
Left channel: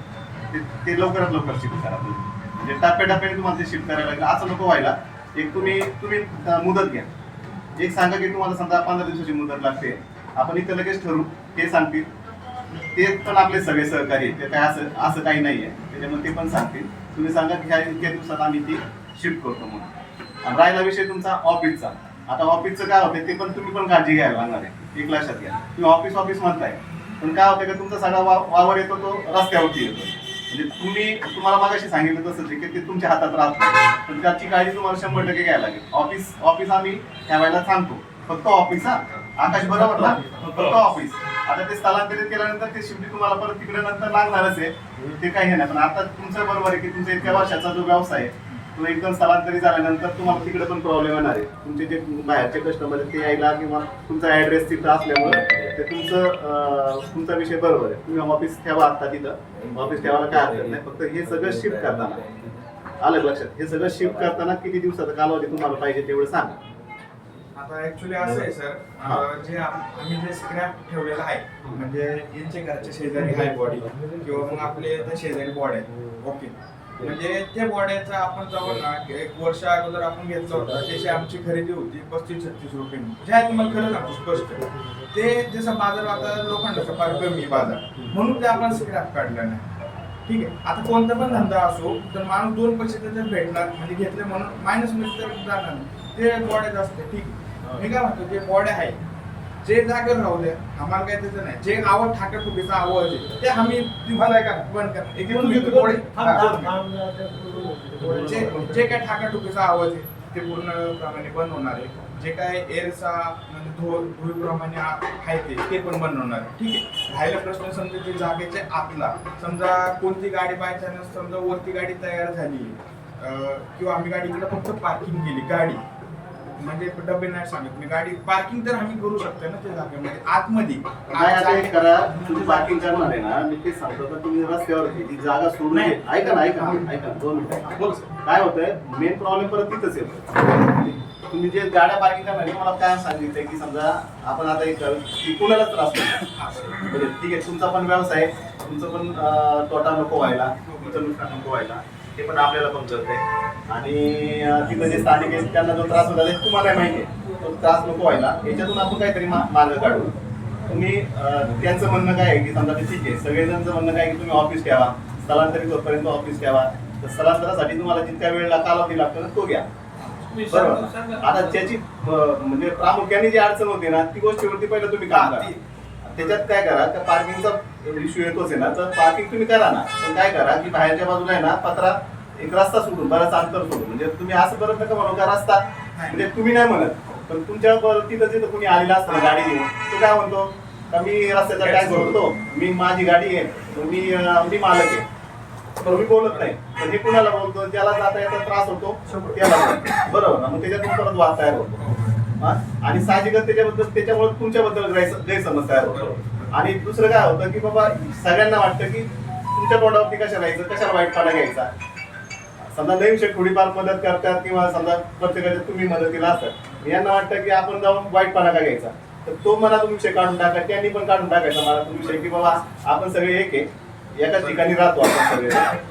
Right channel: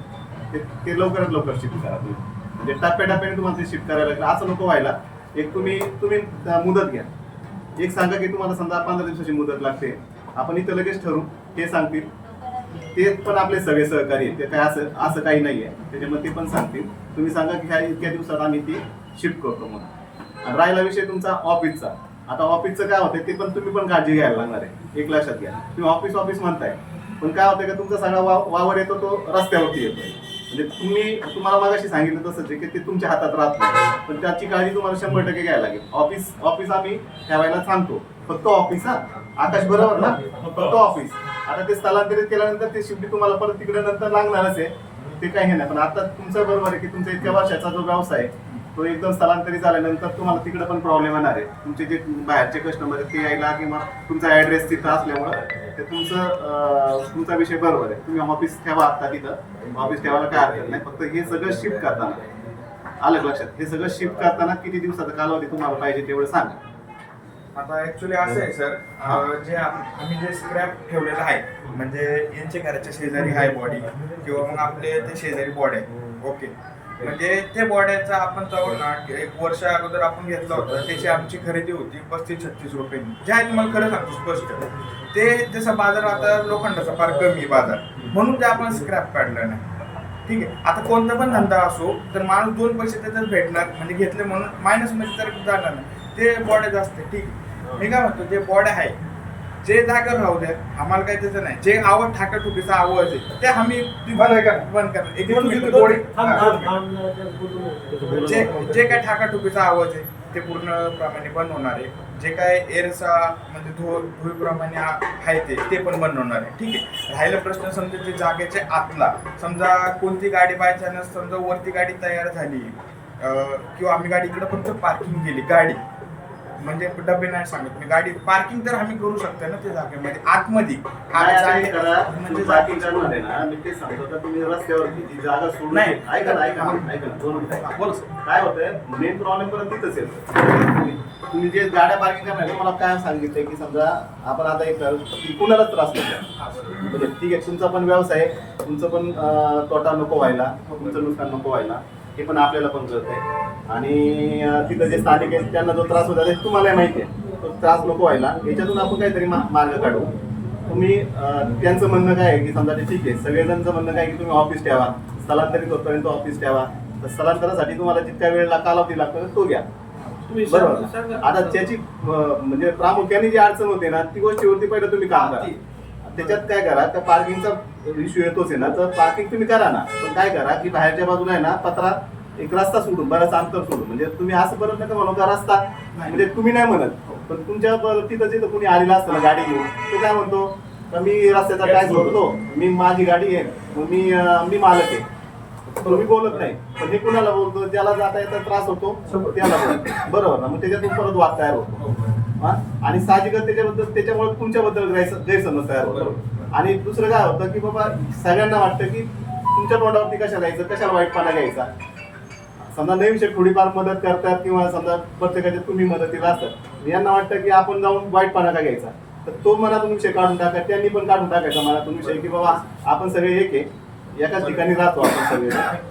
ते लवकरात लवकर शिफ्ट करा. म्हणजे टप्प्याटप्प्याने तुम्हाला ते शिफ्ट करायला लागेल. असं नको व्हायला. एक तुम्ही मुदत घ्या. एक सांगा की तुम्हाला समजा 15 दिवसाची मुदत लागते, आपण इथं लगेच ठरू, हे सांगतील. ते पण आपले सगळे सहकारी आहेत, ते काय असं काही नाही आहे त्याच्यामध्ये, ते पण सांगतील. तुम्ही सांगा की ह्या इतक्या दिवसात आम्ही ती शिफ्ट करतो म्हणून. आणि राहिला विषय तुमचा ऑफिसचा. आता ऑफिसचं काय होतं ते पण तुम्ही पण काळजी घ्यायला लागणार आहे. एक लक्षात घ्या, तुम्ही ऑफिस म्हणताय, पण काय होतं का तुमचा सगळा वावर येतो तो रस्त्यावरती येतो. म्हणजे तुम्हाला मागाशी सांगितलं तसंच आहे की ते तुमच्या हातात राहत नाही, पण त्याची काळजी तुम्हाला 100% घ्यायला लागेल. ऑफिस आम्ही ठेवायला सांगतो, फक्त ऑफिस. आकाश बरोबर ना? फक्त ऑफिस. आता ते स्थलांतरित केल्यानंतर ते शिफ्ट तुम्हाला परत तिकडे नंतर लागणारच आहे, ते काही नाही. पण आता तुमचं बरोबर आहे की तुमचा इतक्या वर्षाचा जो व्यवसाय आहे तो एकदम स्थलांतरित झाल्यानंतर तुम्हाला तिकडे पण प्रॉब्लेम येणार आहे. तुमचे जे बाहेरचे कस्टमर आहेत ते यायला किंवा तुमचा ॲड्रेस तिथं असल्यामुळे ते तुमचा विषय बरोबर आहे. तुम्ही ऑफिस ठेवा, आता तिथं ऑफिस ठेवायला काय हरकत नाही. फक्त हे सगळं शिफ्ट करताना आलं लक्षात, हे सगळं शिफ्ट करताना किती दिवसाचा कालावधी तुम्हाला पाहिजे तेवढं सांगा. आता ऍक्च्युली असं आहे सर, जे आम्ही जे स्क्रॅप ठेवलेलं आहे, म्हणजे यांच्या घराच्या शेजारी आहे बॉडी किंवा मग आपले त्या शेजारी बॉडी आहे. ओके, म्हणजे त्या बॉड्याचा आपण जवळ ना 1 वर्ष अगोदर आपण घेतला होता, त्याची आमची खरेदी होती 35-36 रुपयांनी. जे आहे तुम्हाला खरं सांगतो स्पष्ट, ते जसं बाजार आता लोखंडाचा फार कमी बाजार, म्हणून ते आपण स्क्रॅप काढलं नाही. ठीक आहे, आता कोणता पण धंदा असो तर माणूस 2 पैसे त्याच्यात भेटणार, म्हणजे घेतले म्हणून मायनस मध्ये तर जाणार नाही. ते बॉड्या जास्त ठीक आहे. मी काय म्हणतो, जे बॉड्या आहे जे जागा राहू द्या, आम्हाला काही त्याचं नाही. जे आवाज ठाकाठुकीचा आवाज आहे ते आम्ही बंद करणार. एक थोडी जे काय ठाकाठुकीचा आवाज आहे ते पूर्णप्रमाणे बंद होणार आहे. जे काय एअरचा म्हणजे धुळीप्रमाणे आहे ते पण बंद होणार आहे. ठीक आहे. राहिला प्रश्न समजा ते जागेचे आतला, समजा कोणती गाडी बाय चान्स समजा वरती गाडी तयार झाली किंवा आम्ही गाडी इकडे फक्त पार्किंग केली, गाडी म्हणजे डबे नाही सांगत मी, गाडी पार्किंग तर आम्ही करू शकतो ना त्या जागेमध्ये आतमध्ये. तुम्ही पार्किंग करणार आहे ना, मी ते सांगतो का तुम्ही रस्त्यावरती ती जागा सोडून नाही. ऐका ना 2 मिनिटं. बोल सर. काय होतंय, मेन प्रॉब्लेम परत तिथंच येतो. तुम्ही जे गाड्या पार्किंग करणार आहे, मला काय सांगितलंय की समजा आपण आता एक की कुणालाच त्रास नको म्हणजे ठीक आहे, तुमचा पण व्यवसाय, तुमचं पण तोटा नको व्हायला, तुमचं नुकसान नको व्हायला, हे पण आपल्याला पण कळतंय. आणि तिथं जे स्थानिक आहेत त्यांना जो त्रास होता ते तुम्हालाही माहिती आहे, तो त्रास नको व्हायला याच्यातून आपण काहीतरी मार्ग काढू. तुम्ही त्यांचं म्हणणं काय आहे की समजा ते ठीक आहे, सगळेजणांचं म्हणणं काय की तुम्ही ऑफिस ठेवा, स्थलांतरित होतपर्यंत ऑफिस ठेवा, तर स्थलांतरासाठी तुम्हाला जितक्या वेळेला कालावधी लागतो तो घ्या, बरोबर. आता त्याची म्हणजे प्रामुख्याने जी अडचण होते ना ती गोष्टीवरती पहिलं तुम्ही काम करा. त्याच्यात काय करा, त्या पार्किंगचा इश्यू येतोच आहे ना, तर पार्किंग तुम्ही करा ना, पण काय करा की बाहेरच्या बाजूला आहे ना पत्रा एक रस्ता सोडून, बराच अंतर सोडून, म्हणजे तुम्ही असं परत नका म्हणू का रस्ता म्हणजे तुम्ही नाही म्हणत, पण तुमच्या तिथं जिथं कोणी आलेला असतं ना गाडी घेऊन, तो काय म्हणतो का मी रस्त्याचा टॅक्स भरतो, मी माझी गाडी आहे, मग मी मालक आहे, तुम्ही बोलत नाही. पण हे कुणाला बोलतो, ज्याला जाता येता त्रास होतो त्याला बोलतो, बरोबर ना. मग त्याच्यातून परत वाद तयार होतो आणि साहजिकच त्याच्यामुळे तुमच्याबद्दल गैरसमज तयार होतो. आणि दुसरं काय होतं की बाबा सगळ्यांना वाटतं की तुमच्या तोंडावरती कशाला यायचं, कशाला वाईटपणा घ्यायचा. समजा नवीन शेठ थोडीफार मदत करतात किंवा समजा प्रत्येकाच्या तुम्ही मदतीला असतात, यांना वाटतं की आपण जाऊन वाईटपणा का घ्यायचा, तर तो मनातून विषय काढून टाका, त्यांनी पण काढून टाकायचा मनातून विषय की बाबा आपण सगळे एक आहे, एकाच ठिकाणी राहतो आपण सगळे,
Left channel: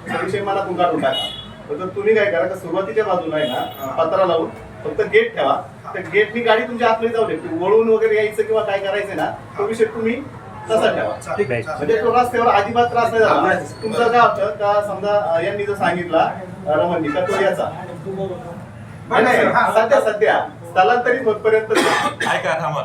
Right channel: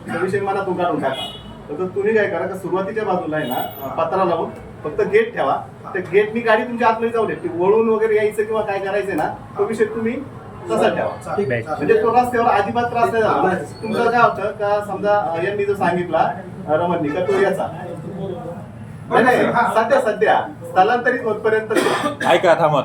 तो विषय मनातून काढून टाका. तर तुम्ही काय करा का सुरुवातीच्या बाजूला आहे ना पत्रा लावून फक्त गेट ठेवा, त्या गेटनी गाडी तुमच्या आतमध्ये जाऊ दे, वळून वगैरे यायचं किंवा काय करायचं ना तो विषय तुम्ही तसा ठेवा, म्हणजे तो रस्त्यावर अजिबात त्रास नाही झाला. तुमचं काय होतं का समजा यांनी जो सांगितला रमणनी का तो याचा नाही सध्या स्थलांतरित होतपर्यंत ऐका थांबा.